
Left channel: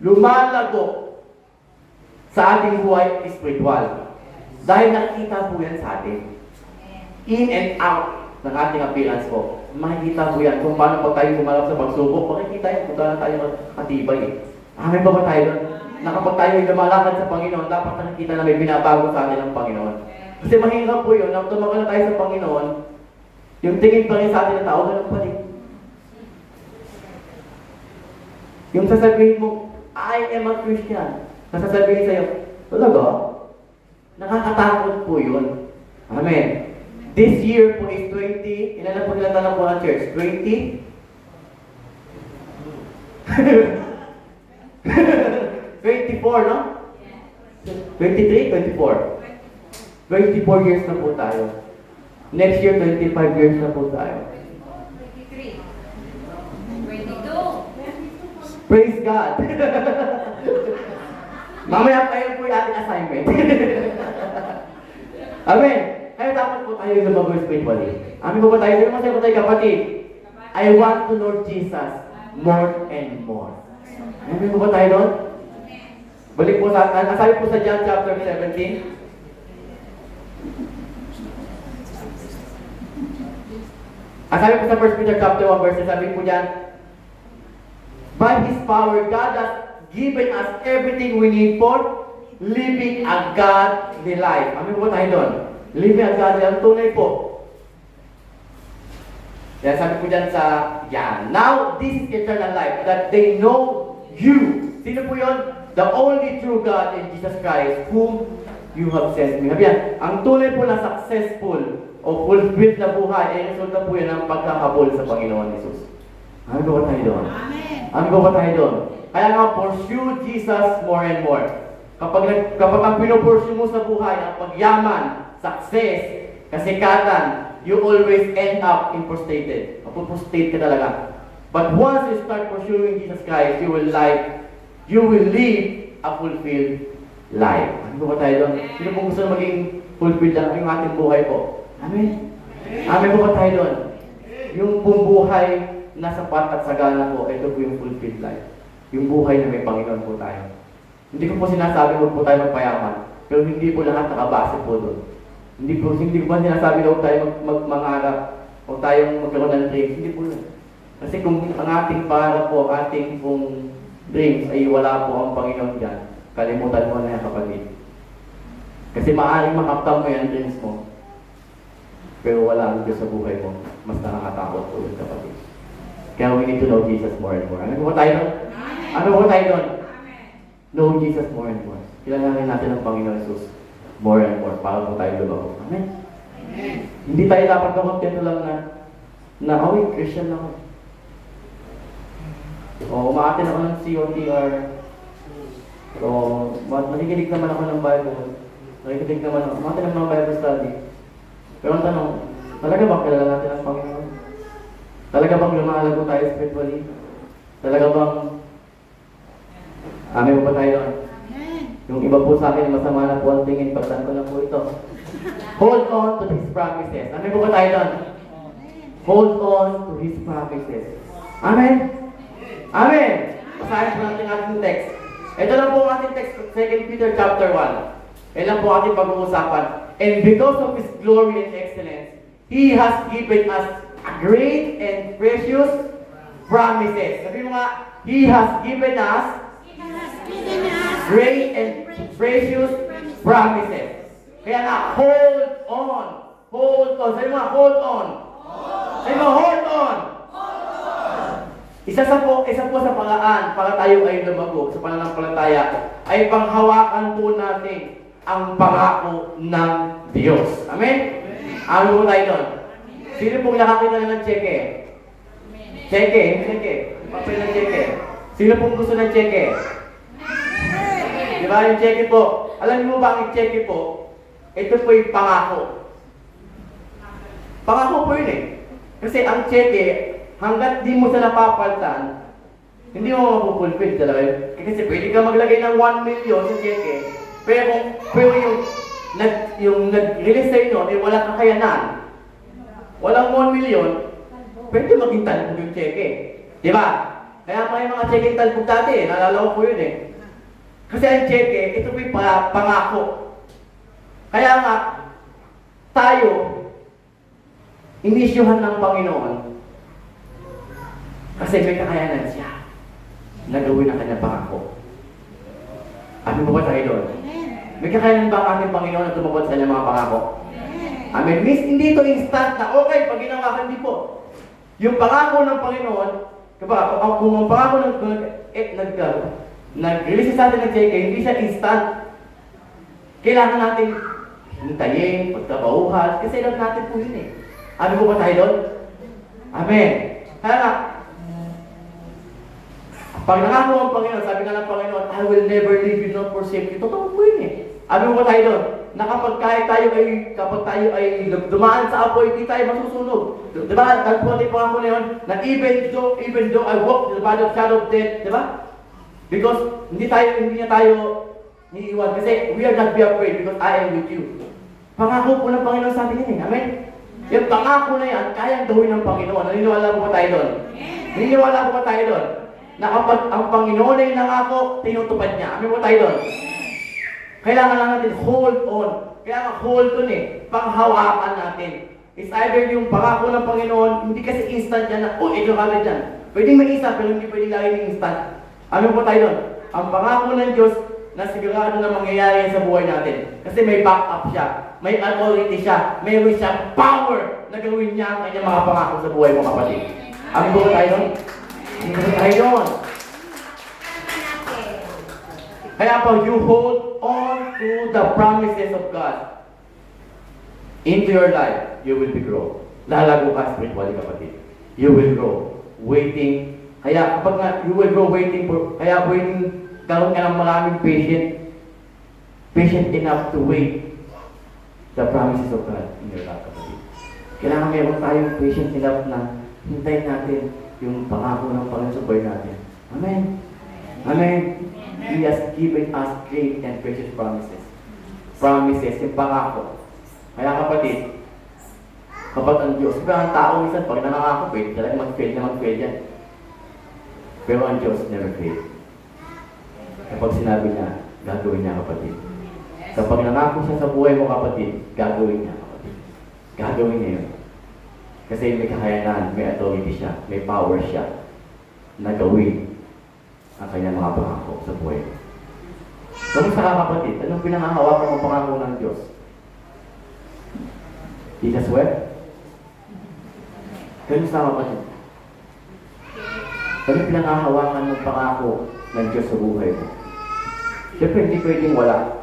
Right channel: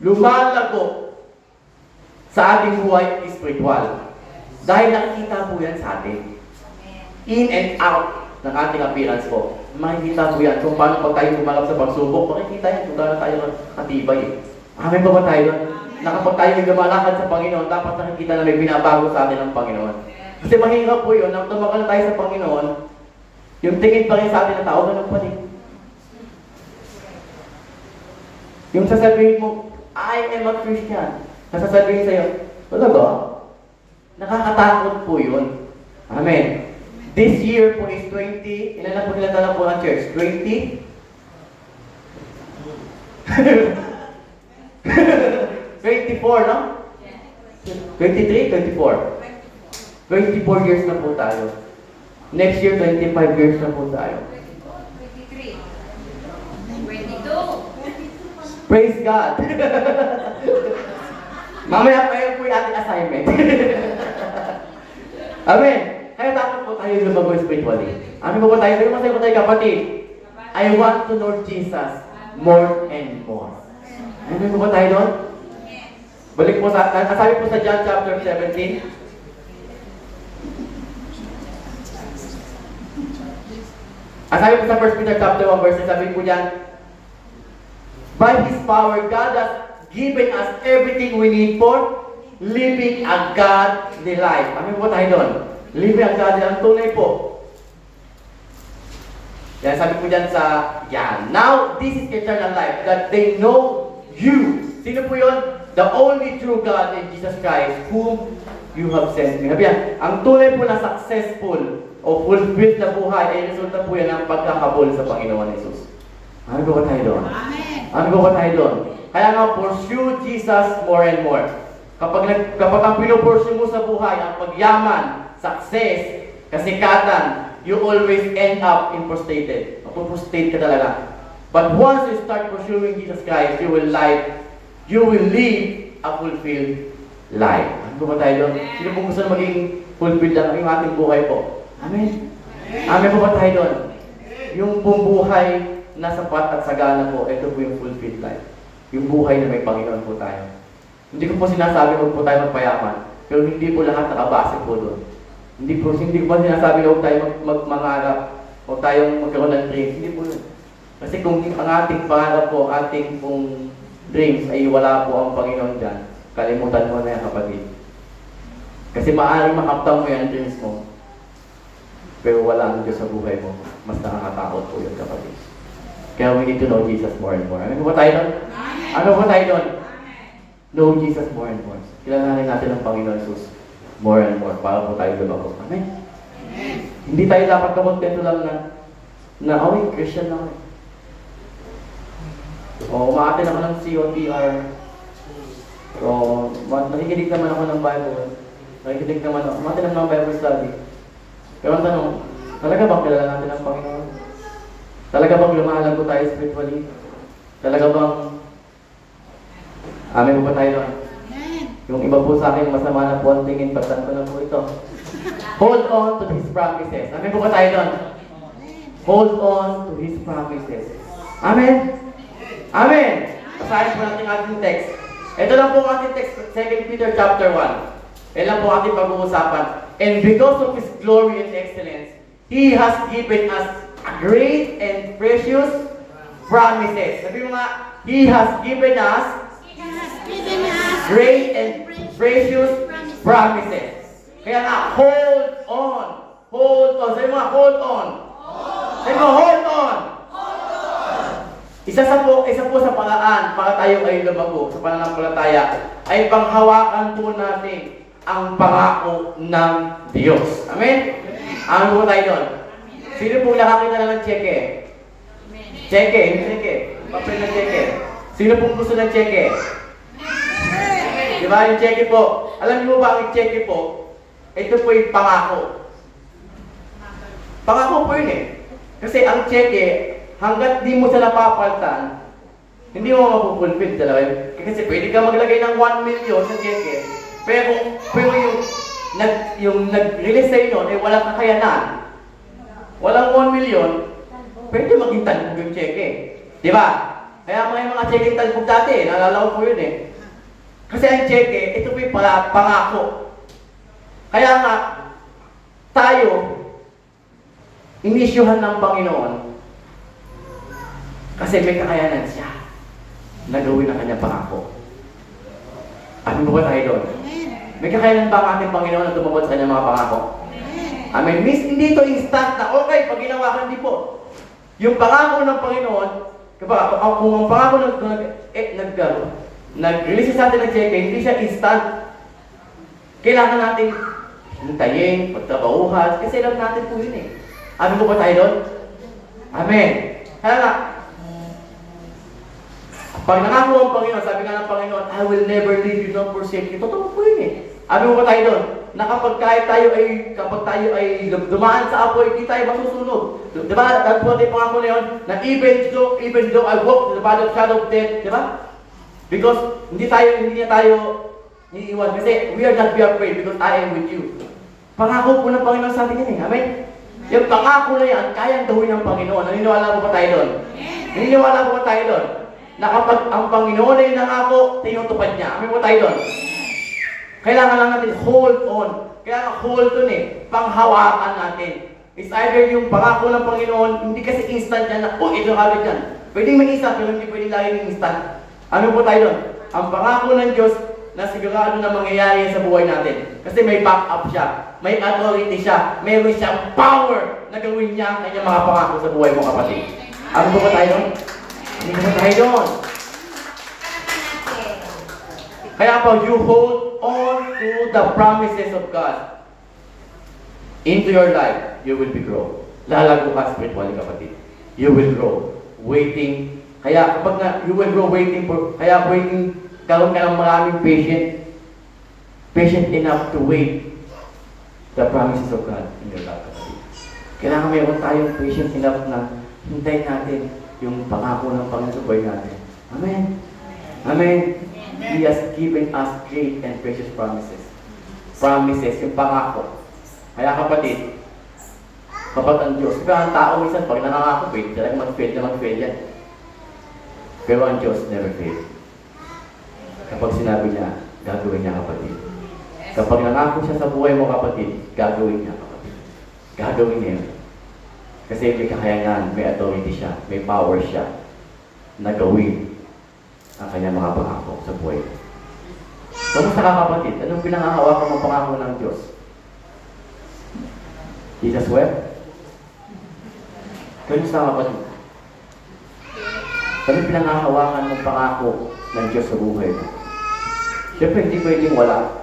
lumalago sa ating buhay spiritual. Dahil nakikita po yan sa atin. In and out ng ating appearance po. Makikita po yan kung paano pag tayo lumalap sa pagsubok. Makikita yan kung paano tayo matibay. Amen ba tayo? Na kapag tayo ay lumalakad sa Panginoon, dapat nakikita na may binabago sa atin ng Panginoon. Kasi mahirap po yun, na tumagal na tayo sa Panginoon, yung tingin pa rin sa atin ng tao, ganun pa rin. Yung sasabihin mo, I am a Christian. Nasasabihin sa'yo, wala ba? Nakakatakot po yun. Amen. This year po is 20. Ilan na po nilatala po ang church? 20? 24, no? 23? 24. 24 years na po tayo. Next year, 25 years na po tayo. 23. 22. Praise God. Mamaya pa yun po yung ating assignment. Amen. Kaya dapat po tayo lumago spiritually. Amen po tayo. Sabi mo tayo kapatid, I want to Lord Jesus more and more. Amen po tayo doon? Balik po sa, nasabi po sa John chapter 17. Sabi po sa 1 Peter chapter 1 verse, sabi po dyan, by His power, God has given us everything we need for living a godly life. Amin po tayo doon. Living a godly life. Tunay po. Yan, sabi po dyan sa, yan. Now, this is eternal life, that they know you. Sino po yun? The only true God in Jesus Christ, whom you have sent me. Sabi yan, ang tunay po na successful o fulfilled na buhay, ay resulta po yan ng pagkakabol sa Panginoon Jesus. Amin po ba tayo doon? Amen. Amin po ba tayo doon? Kaya nga, pursue Jesus more and more. Kapag ang pinupursue mo sa buhay, ang pagyaman, success, kasikatan, you always end up in frustrated. Mapuprostrate ka talaga. But once you start pursuing Jesus Christ, you will live a fulfilled life. Ano po ba tayo doon? Sino po gusto na maging fulfilled lang yung ating buhay po? Amen? Amen po ba tayo doon? Yung buhay na sapat at sagana po, ito po yung fulfilled life. Yung buhay na may Panginoon po tayo. Hindi ko po sinasabi huwag po tayo magpayaman, pero hindi po lahat nakabase po doon. Hindi po sinasabi na huwag tayo mangarap, huwag tayong magkaroon ng dreams. Hindi po yun. Kasi kung ang ating pangarap po, ating pong dreams ay wala po ang Panginoon dyan, kalimutan mo na yan kapatid. Kasi maaaring makaptang mo yan dreams mo, pero wala ang Diyos sa buhay mo. Mas nakakatakot po yun kapatid. Kaya we need to know Jesus more and more. Ano po tayo doon? Ano po tayo doon? Know Jesus more and more. Kilalanin natin ang Panginoon Jesus more and more para po tayo lumago. Amen? Amen. Hindi tayo dapat kakontento lang na Christian na ako. O umaatin ako ng COTR. O nakikinig naman ako ng Bible. Nakikinig naman ako. Umaatin naman ng Bible study. Pero ang tanong, talaga bang kilala natin ang Panginoon? Talaga bang lumalago tayo spiritually? Talaga bang amen po tayo? Amen. Yung iba po sa akin, masama na po ang tingin, pagtanto na po ito. Hold on to His promises. Amen po tayo doon? hold on to His promises. Amen? Amen! Basahin po natin ang ating text. Ito lang po ang ating text, 2 Peter chapter 1. Yan lang po ating pag-uusapan. And because of His glory and excellence, He has given us great and precious promises. Sabi mo nga, He has given us great and precious promises. Kaya nga, hold on. Hold on. Sabi mo nga, hold on. Sabi mo, hold on. Isa po sa paraan para tayo ay lumago sa pananampalataya ay panghawakan po natin ang pangako ng Diyos. Amen? Amen po tayo doon. Sino pong nakakita na ng cheque? Cheque, hindi cheque. Papel na cheque. Sino pong gusto ng cheque? Di ba yung cheque po? Alam niyo ba ang cheque po? Ito po yung pangako. Pangako po yun eh. Kasi ang cheque, hanggat di mo sila papalitan, hindi mo mapupulpil talaga. Kasi pwede ka maglagay ng 1 million sa cheque, pero yung nag-release sa inyo ay walang kakayanan. Walang 1 million, pwede maging talbog yung cheque. Di ba? Kaya may mga cheque talbog dati, naalala ko po yun eh. Kasi ang cheque, ito po yung pangako. Kaya nga, tayo, inisyuhan ng Panginoon kasi may kakayanan siya na gawin ang kanyang pangako. Amin mo ba tayo doon? May kakayanan ba ang ating Panginoon na tumabot sa kanyang mga pangako? Amen. Miss, hindi ito instant na okay pag ginawa ka, hindi po. Yung pangako ng Panginoon, kung ang pangako nag-release sa atin ng cheque, hindi siya instant. Kailangan natin hintayin, pagtabauhan, kasi alam natin po yun eh. Amin mo ba tayo doon? Amen. Kaya nga, pag nangako ang Panginoon, sabi nga ng Panginoon, I will never leave you nor forsake you. Totoo po yun eh. Amin mo ba tayo doon? Na kapag tayo ay dumaan sa apoy, hindi tayo masusunog. Diba? Nagpunti pa ako na yun, na even though I walk to the valley of shadow of death, diba? Because hindi niya tayo iiwan. Kasi we are not be afraid because I am with you. Pangako po ng Panginoon sa atin yun eh. Amen? Yung pangako na yan, kayang gawin ng Panginoon. Naniniwala po ba tayo doon? Naniniwala po ba tayo doon? Na kapag ang Panginoon ay nangako, tinutupad niya. Amin po tayo doon. Kailangan lang natin hold on. Kaya nga hold on eh. Panghawakan natin. It's either yung pangako ng Panginoon, hindi kasi instant yan na, ito kagad yan. Pwedeng may instant, pero hindi pwedeng lagi ng instant. Amin po tayo doon. Ang pangako ng Diyos, na sigurado na mangyayari sa buhay natin. Kasi may backup siya. May authority siya. Mayroon siyang power na gawin niya ang kanyang mga pangako sa buhay mo, kapatid. Amin po tayo doon? Amin po tayo doon. Kaya po, you hold on to the promises of God into your life, you will be grow. Lalago ka spiritually, kapatid. You will grow. Waiting. Kaya kapag nga, you will grow waiting for, kaya waiting, karoon ka ng maraming patient enough to wait the promises of God in your life, kapatid. Kailangan mayroon tayong patient enough na hintayin natin yung pangako ng Panginoon sa buhay natin. Amen. Amen. He has given us great and precious promises. Promises, yung pangako. Kaya kapatid, kapag ang Diyos, kaya ang tao minsan, pag nangangako, talagang mag-fail yan. Pero ang Diyos never fail. Kapag sinabi niya, gagawin niya, kapatid. Kapag nangako siya sa buhay mo, kapatid, gagawin niya, kapatid. Gagawin niya yun. Kasi may kakayanan, may authority siya, may power siya na gawin ang kanyang mga pangako sa buhay mo. Kamusta ka, kapatid? Anong pinangahawakan mo pangako ng Diyos? Jesus wept? Kamusta, kapatid? Anong pinangahawakan mo pangako ng Diyos sa buhay mo? Siyempre, hindi pwedeng wala.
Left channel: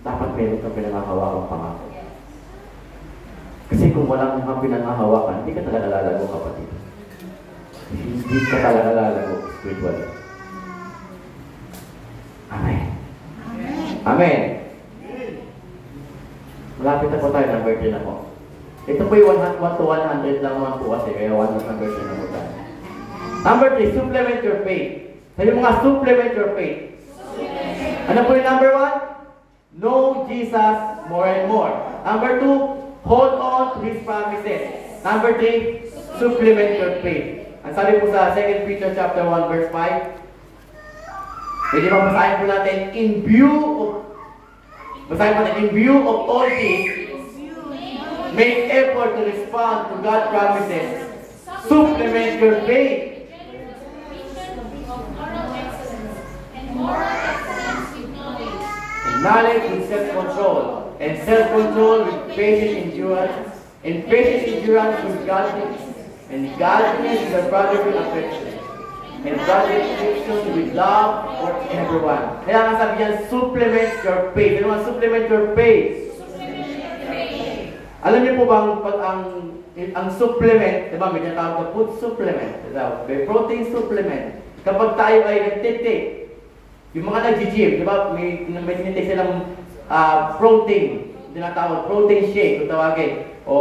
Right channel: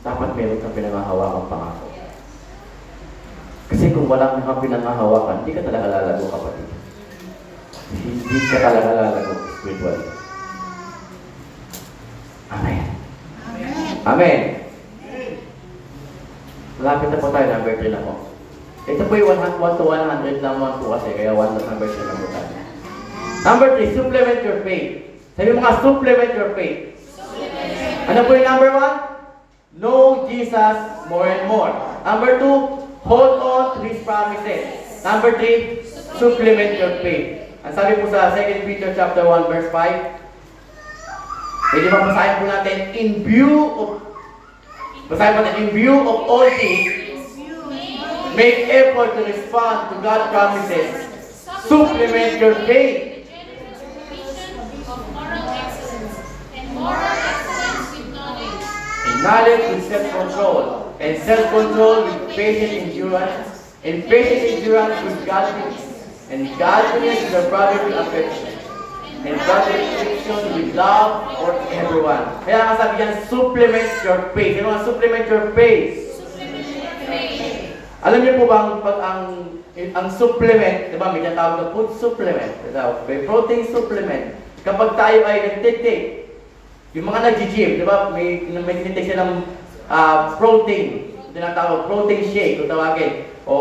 Dapat meron kang pinangahawakan pangako. Kasi kung wala kang pinangahawakan, hindi ka talaga lalago, kapatid. Hindi ka talaga lalago spiritually. Amen. Amen. Amen. Malapit na po tayo, number 3 na po. Ito po yung 1 to 100 lang 1 po kasi, kaya 1 na number 3 na po tayo. Number 3, supplement your faith. Sabi mga supplement your faith. Ano po yung number 1? Know Jesus more and more. Number 2, hold on to His promises. Number 3, supplement your faith. Ang sabi po sa 2 Peter chapter 1 verse 5, pwede ba basahin po natin, in view of all this, make effort to respond to God's promises. Supplement your faith. Knowledge with self-control, and self-control with patient endurance, and patient endurance with godliness, and godliness with a brotherly affection, and brotherly affection with love for everyone. Kaya nga sabi yan, supplement your faith. Ano nga, supplement your faith? Alam niyo po bang pag ang supplement, di ba, may tinatawag na food supplement, may protein supplement. Kapag tayo ay nagtitake, yung mga nag-gym, di ba, may tinitake silang protein, tinatawag protein shake, kung tawagin, o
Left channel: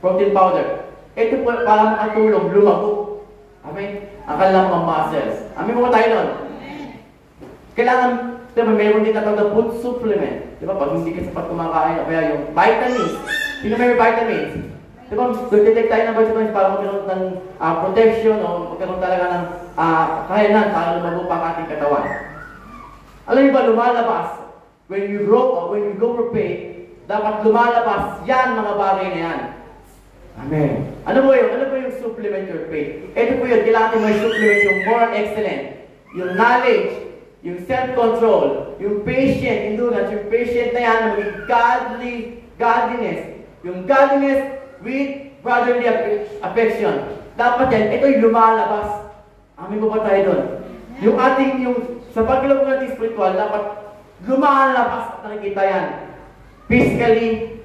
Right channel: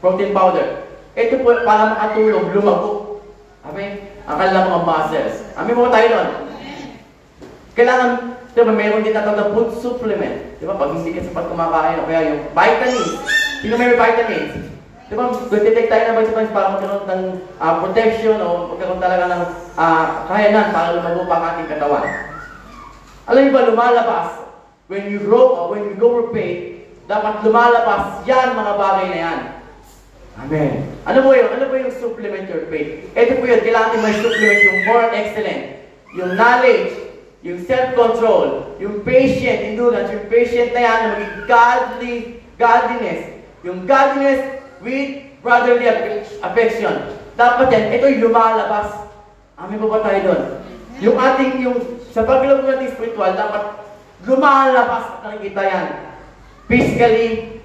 protein powder. Ito po para makatulong, lumago. Amen? Ang kanilang mga muscles. Amen po tayo nun? Kailangan, di ba, mayroon din natawag na food supplement. Di ba, pag hindi ka sapat kumakain, o kaya yung vitamins. Sino may vitamins? Di ba, tutitake tayo ng vitamins para magkaroon ng protection o magkaroon talaga ng kayanan para lumago pa ang ating katawan. Alam niyo ba, lumalabas, when you grow or when you go for faith, dapat lumalabas yan, mga bagay na yan. Amen. Ano po yun? Ano po yung supplement your faith? Ito po yun, kailangan may supplement yung moral excellence, yung knowledge, yung self-control, yung patient endurance, yung patient na yan, maging godliness, yung godliness with brotherly affection. Dapat yan, ito'y lumalabas. Amen po ba tayo doon? Yung ating, sa pagkilaw natin spiritual, dapat lumalabas at nakikita yan. Physically,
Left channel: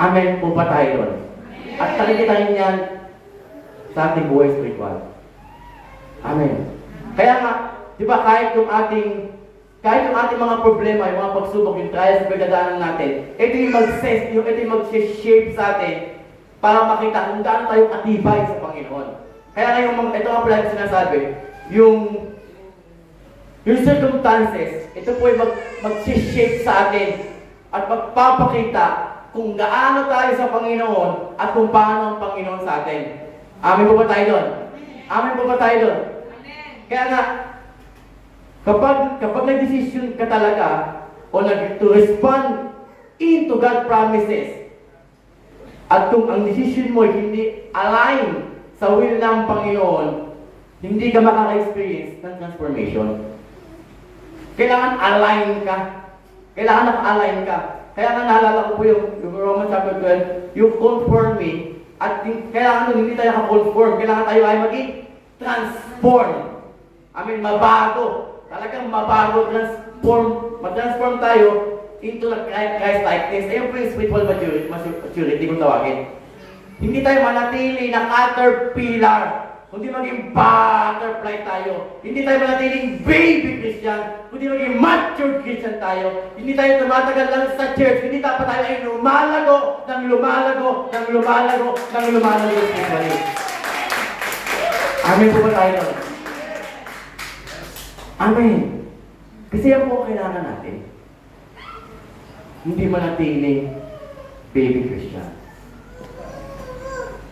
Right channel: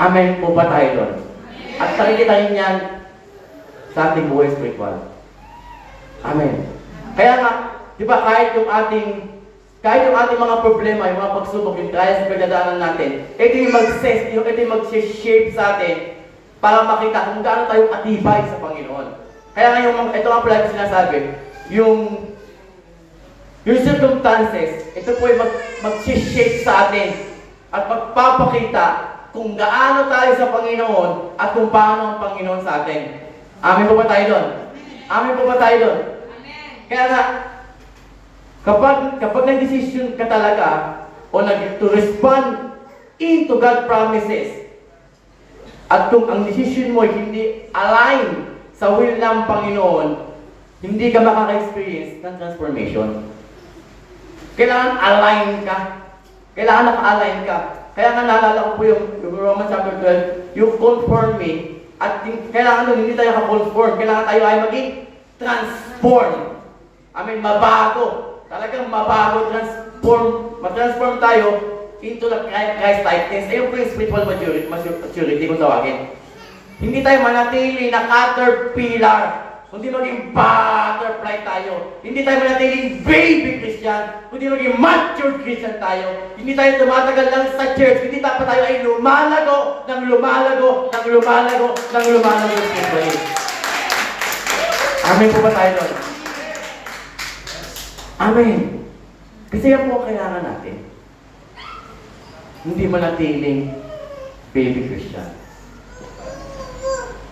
amen po ba tayo doon? At nakikita rin yan sa ating buhay spiritual. Amen. Kaya nga, di ba, kahit yung ating mga problema, yung mga pagsubok, yung trials na pinagdadaanan natin, ito yung mag-shape sa atin para makita kung gaano tayo atibay sa Panginoon. Kaya ngayon, ito nga pala yung sinasabi, yung circumstances, ito po yung mag-shape sa atin at magpapakita kung gaano tayo sa Panginoon at kung paano ang Panginoon sa atin. Amen po ba tayo doon? Amen po ba tayo doon? Amen. Kaya nga, kapag nag-decision ka talaga o to respond into God's promises at kung ang decision mo hindi align sa will ng Panginoon, hindi ka makaka-experience ng transformation. Kailangan align ka. Kailangan naka-align ka. Kaya nga naalala ko po yung Romans chapter 12, yung conform me, at kailangan hindi tayo naka-conform, kailangan tayo ay maging transform. Mabago. Talagang mabago, ma-transform tayo into the Christ-likeness. Ayun po yung spiritual maturity kung tawagin. Hindi tayo manatili na caterpillar, kundi maging butterfly tayo. Hindi tayo manatiling baby Christian, kundi maging mature Christian tayo. Hindi tayo tumatagal lang sa church, hindi dapat tayo ay lumalago spiritually. Amen po ba tayo doon? Amen. Kasi yan po kailangan natin. Hindi manatiling baby Christian.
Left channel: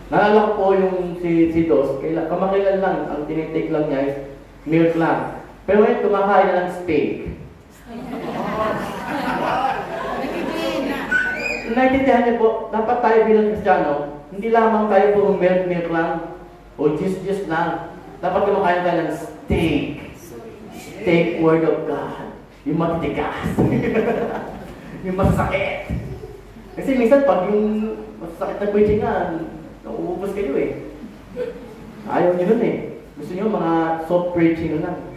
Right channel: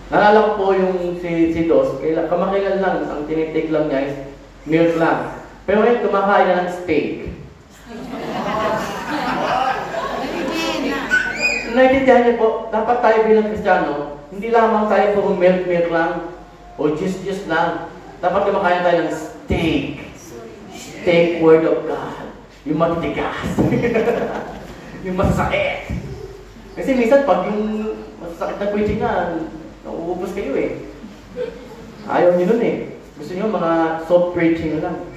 Naalala ko po yung si Dos, kamakailan lang, ang tinitik lang niya is milk lang. Pero ngayon kumakain na ng steak. Naintindihan niyo po, dapat tayo bilang Kristiyano, hindi lamang tayo puro milk lang, o juice lang. Dapat kumakain tayo ng steak. Steak word of God. Yung matitigas. Yung masakit. Kasi minsan pag yung masakit na preaching na, nauubos kayo eh. Ayaw nyo nun eh. Gusto nyo mga soft preaching lang.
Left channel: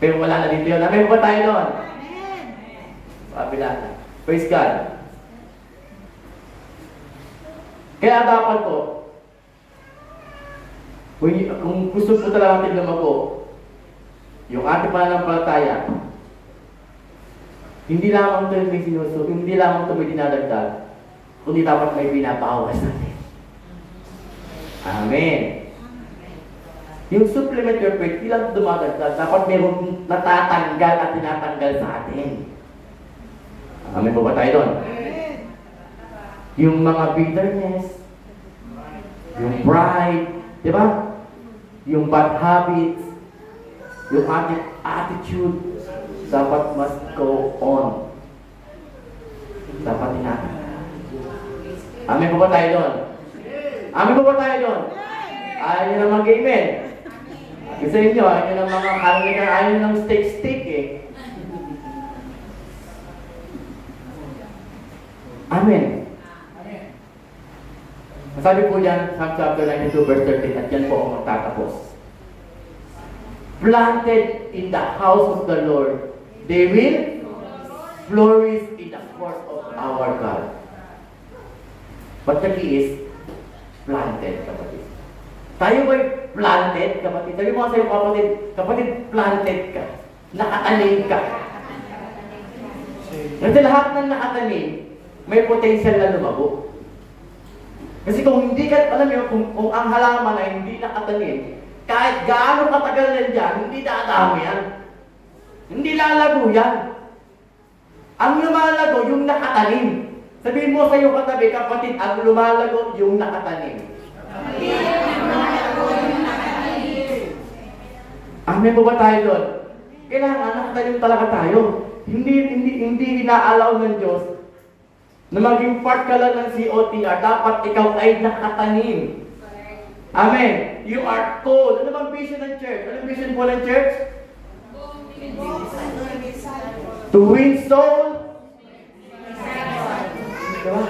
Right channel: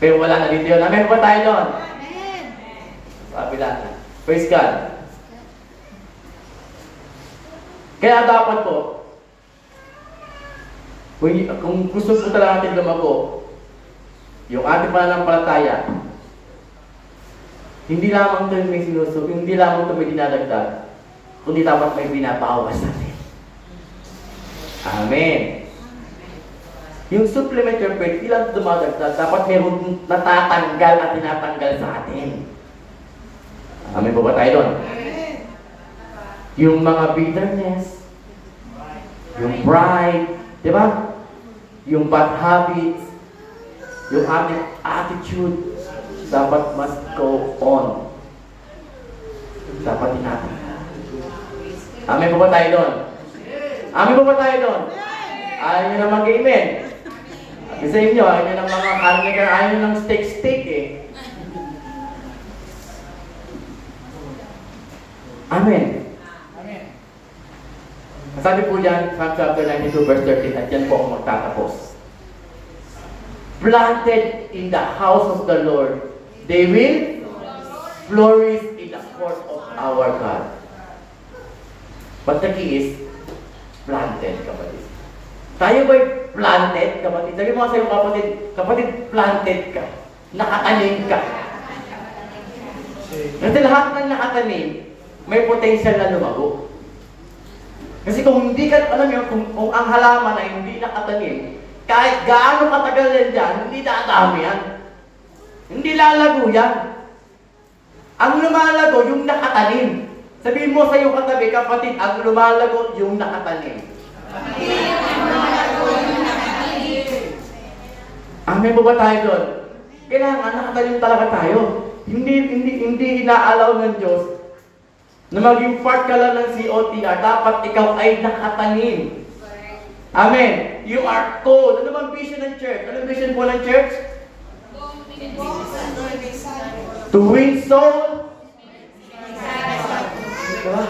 Pero wala na dito yun. Amen po tayo doon. Amen. Sabi lang. Praise God. Kaya dapat po, kung gusto po talaga natin lumago, yung ating pananampalataya, hindi lamang ito may sinuso, hindi lamang ito may dinadagdag, kundi dapat may binabawas natin. Amen. Yung supplement your faith, hindi lang dumadagdag, dapat mayroong natatanggal at tinatanggal sa atin. Amen po ba tayo doon? Yung mga bitterness, yung pride, di ba? Yung bad habits, yung ating attitude, dapat must go on. Dapat tinatanggal. Amen po ba tayo doon? Amen po ba tayo doon? Ayaw nyo na mag-amen. Kasi inyo, ayaw nyo ng mga karnigan, ayaw nyo ng steak eh. Amen. Sabi po dyan, Psalm chapter 92 verse 13, at yan po ang magtatapos. Planted in the house of the Lord, they will flourish in the court of our God. But the key is, planted, kapatid. Tayo ba'y planted, kapatid? Sabi mo sa'yo, kapatid, planted ka. Nakatanim ka. Kasi lahat ng nakatanim, may potential na lumago. Kasi kung hindi ka, alam mo, kung ang halaman ay hindi nakatanim, kahit gaano katagal yan dyan, hindi dadami yan. Hindi lalago yan. Ang lumalago, yung nakatanim. Sabihin mo sa iyong katabi, kapatid, ang lumalago, yung nakatanim. Amen po ba tayo doon? Kailangan nakatanim talaga tayo. Hindi inaalaw ng Diyos na maging part ka lang ng COTR, dapat ikaw ay nakatanim. Amen. You are called. Ano bang vision ng church? Ano vision po ng church? To win soul. Diba?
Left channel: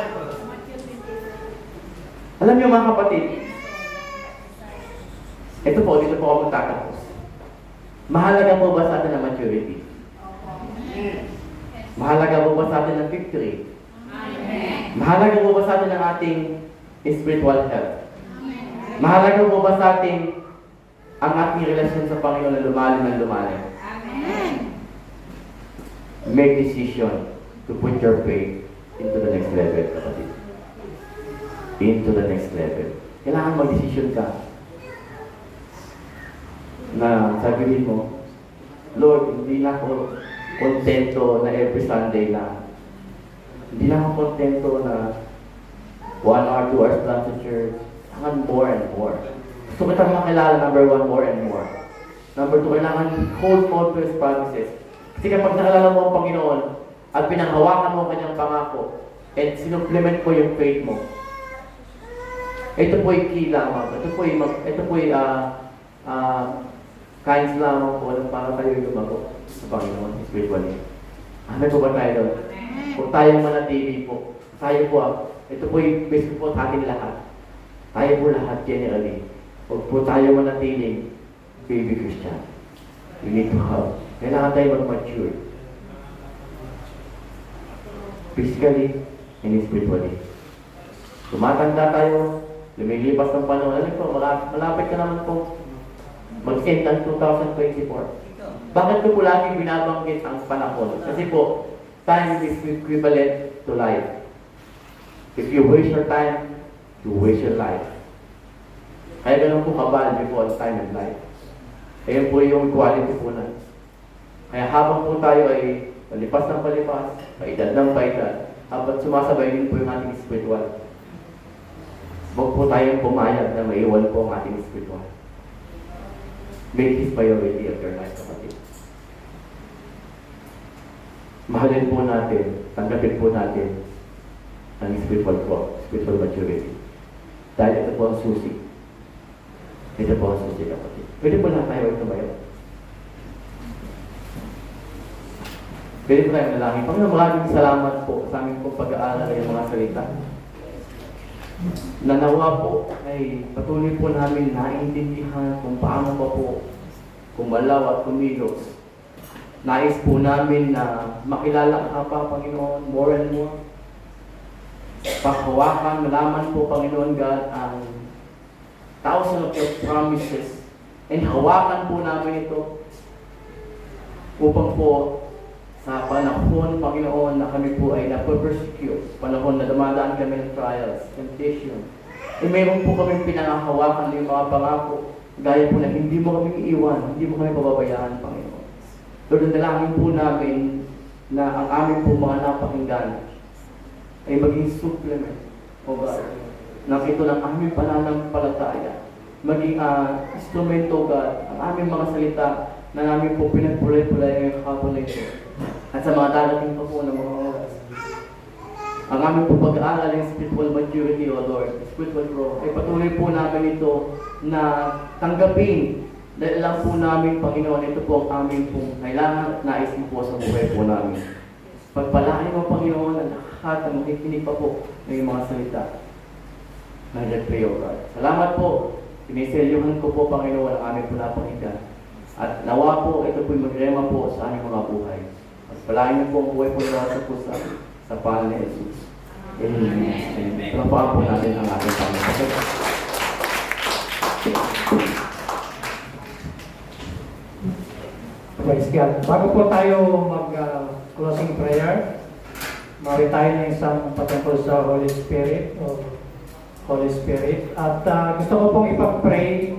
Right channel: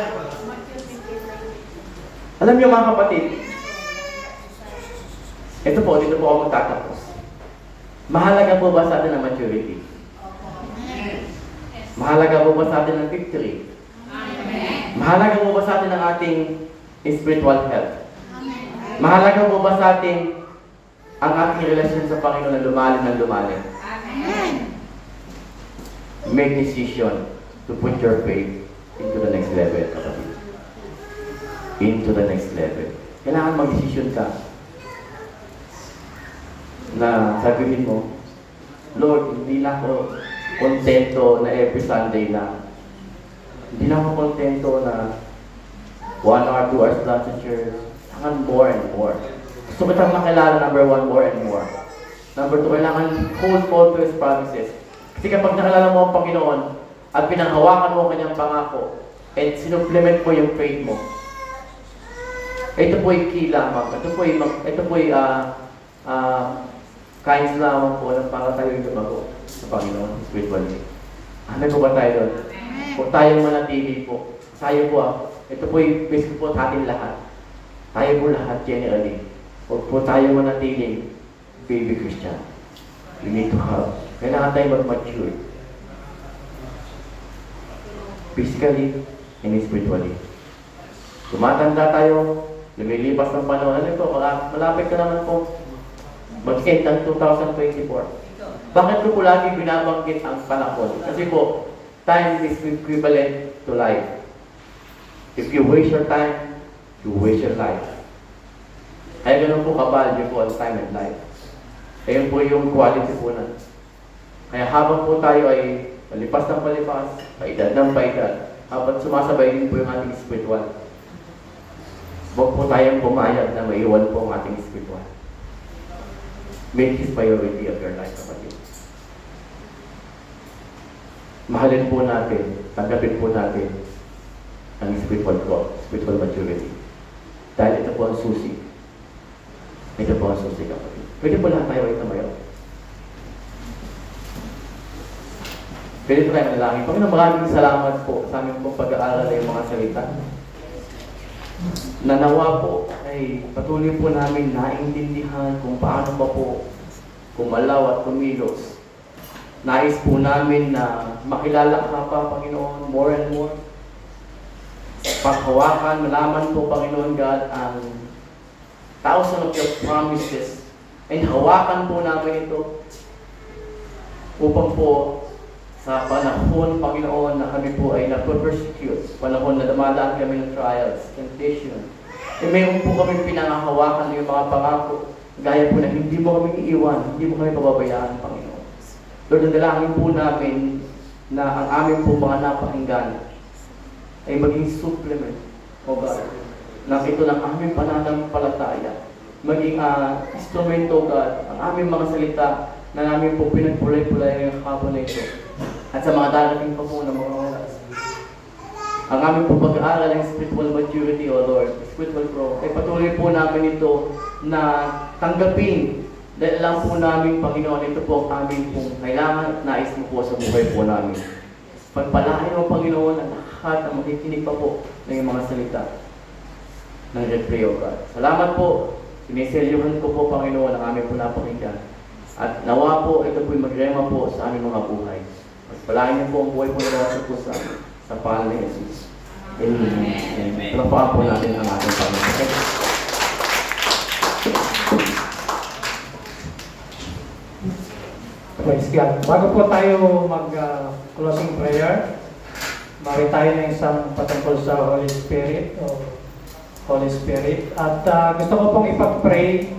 Alam niyo mga kapatid, ito po, dito po ako magtatapos. Mahalaga po ba sa atin ang maturity? Mahalaga po ba sa atin ang victory? Mahalaga po ba sa atin ang ating spiritual health? Mahalaga po ba sa atin ang ating relasyon sa Panginoon na lumalim ng lumalim? Make decision to put your faith into the next level, kapatid. Into the next level. Kailangan mag-decision ka na sabihin mo, Lord, hindi na ako kontento na every Sunday lang. Hindi na ako kontento na 1 hour, 2 hours lang sa church. Kailangan more and more. Gusto kitang makilala, number 1, more and more. Number 2, kailangan hold to His promises. Kasi kapag nakilala mo ang Panginoon at pinanghawakan mo ang kanyang pangako at sinumplement mo yung faith mo, ito po'y key lamang. Ito po'y kinds lamang po na para tayo tumago sa Panginoon spiritually. Ano po ba tayo doon? Kung tayo manatili po, tayo po ito po'y basic po sa ating lahat. Tayo po lahat generally. Huwag po tayo manatiling baby Christian. We need to have. Kailangan tayo mag-mature. Physically and spiritually. Tumatanda tayo, lumilipas ng panahon. Ano po, malapit ka naman po mag-end ang 2024. Bakit ko po lagi binabanggit ang panahon? Kasi po, time is equivalent to life. If you waste your time, you waste your life. Kaya ganun po kabalyo po ang time and life. Ayun po yung quality po na. Kaya habang po tayo ay palipas ng palipas, paedad ng paedad, habang sumasabay din po yung ating spiritual. Huwag po tayong pumayag na maiwan po ang ating spiritual. Make His priority of your life, kapatid. Mahalin po natin, tanggapin po natin ang spiritual growth, spiritual maturity. Dahil ito po ang susi. Ito po ang susi, kapatid. Pwede po lang tayo ay tumayo. Pwede po tayo manalangin. Panginoon, maraming salamat po sa aming pong pag-aaral ng mga salita. Nanawa po ay patuloy po namin naiintindihan kung paano pa po kumalaw at kumilos. Nais po namin na makilala ka pa, Panginoon, more and more. Paghawakan, malaman po, Panginoon God, ang thousands of your promises. And hawakan po namin ito upang po sa panahon, Panginoon, na kami po ay nape-persecute, panahon na dumadaan kami ng trials, temptation, e mayroon po kami pinangahawakan ng mga pangako, gaya po na hindi mo kami iiwan, hindi mo kami pababayaan, Panginoon. Lord, dalangin po namin na ang aming po mga napakinggan ay maging supplement, o ba, na ito ng aming pananampalataya. Maging instrumento, God, ang aming mga salita na namin po pinagpulay-pulay ngayong hapon na ito. At sa mga darating pa po ng mga oras. Ang aming po pag-aaral ng spiritual maturity, O Lord, spiritual growth, ay patuloy po namin ito na tanggapin. Dahil lang po namin, Panginoon, ito po ang aming pong kailangan at nais mo po sa buhay po namin. Pagpalain mo, Panginoon, ang lahat ng makikinig pa po ng iyong mga salita ng Red O God. Salamat po. Siniselyuhan ko po, Panginoon, ang aming pinapakinggan. At nawa po, ito po'y magrema po sa aming mga buhay. At palain niyo po ang buhay po na po sa pangalan ni Jesus. Amen. Pinapaan po natin ang ating Panginoon. Praise God. Bago po tayo mag-closing prayer, mari tayo na isang patungkol sa Holy Spirit. At gusto ko pong ipag-pray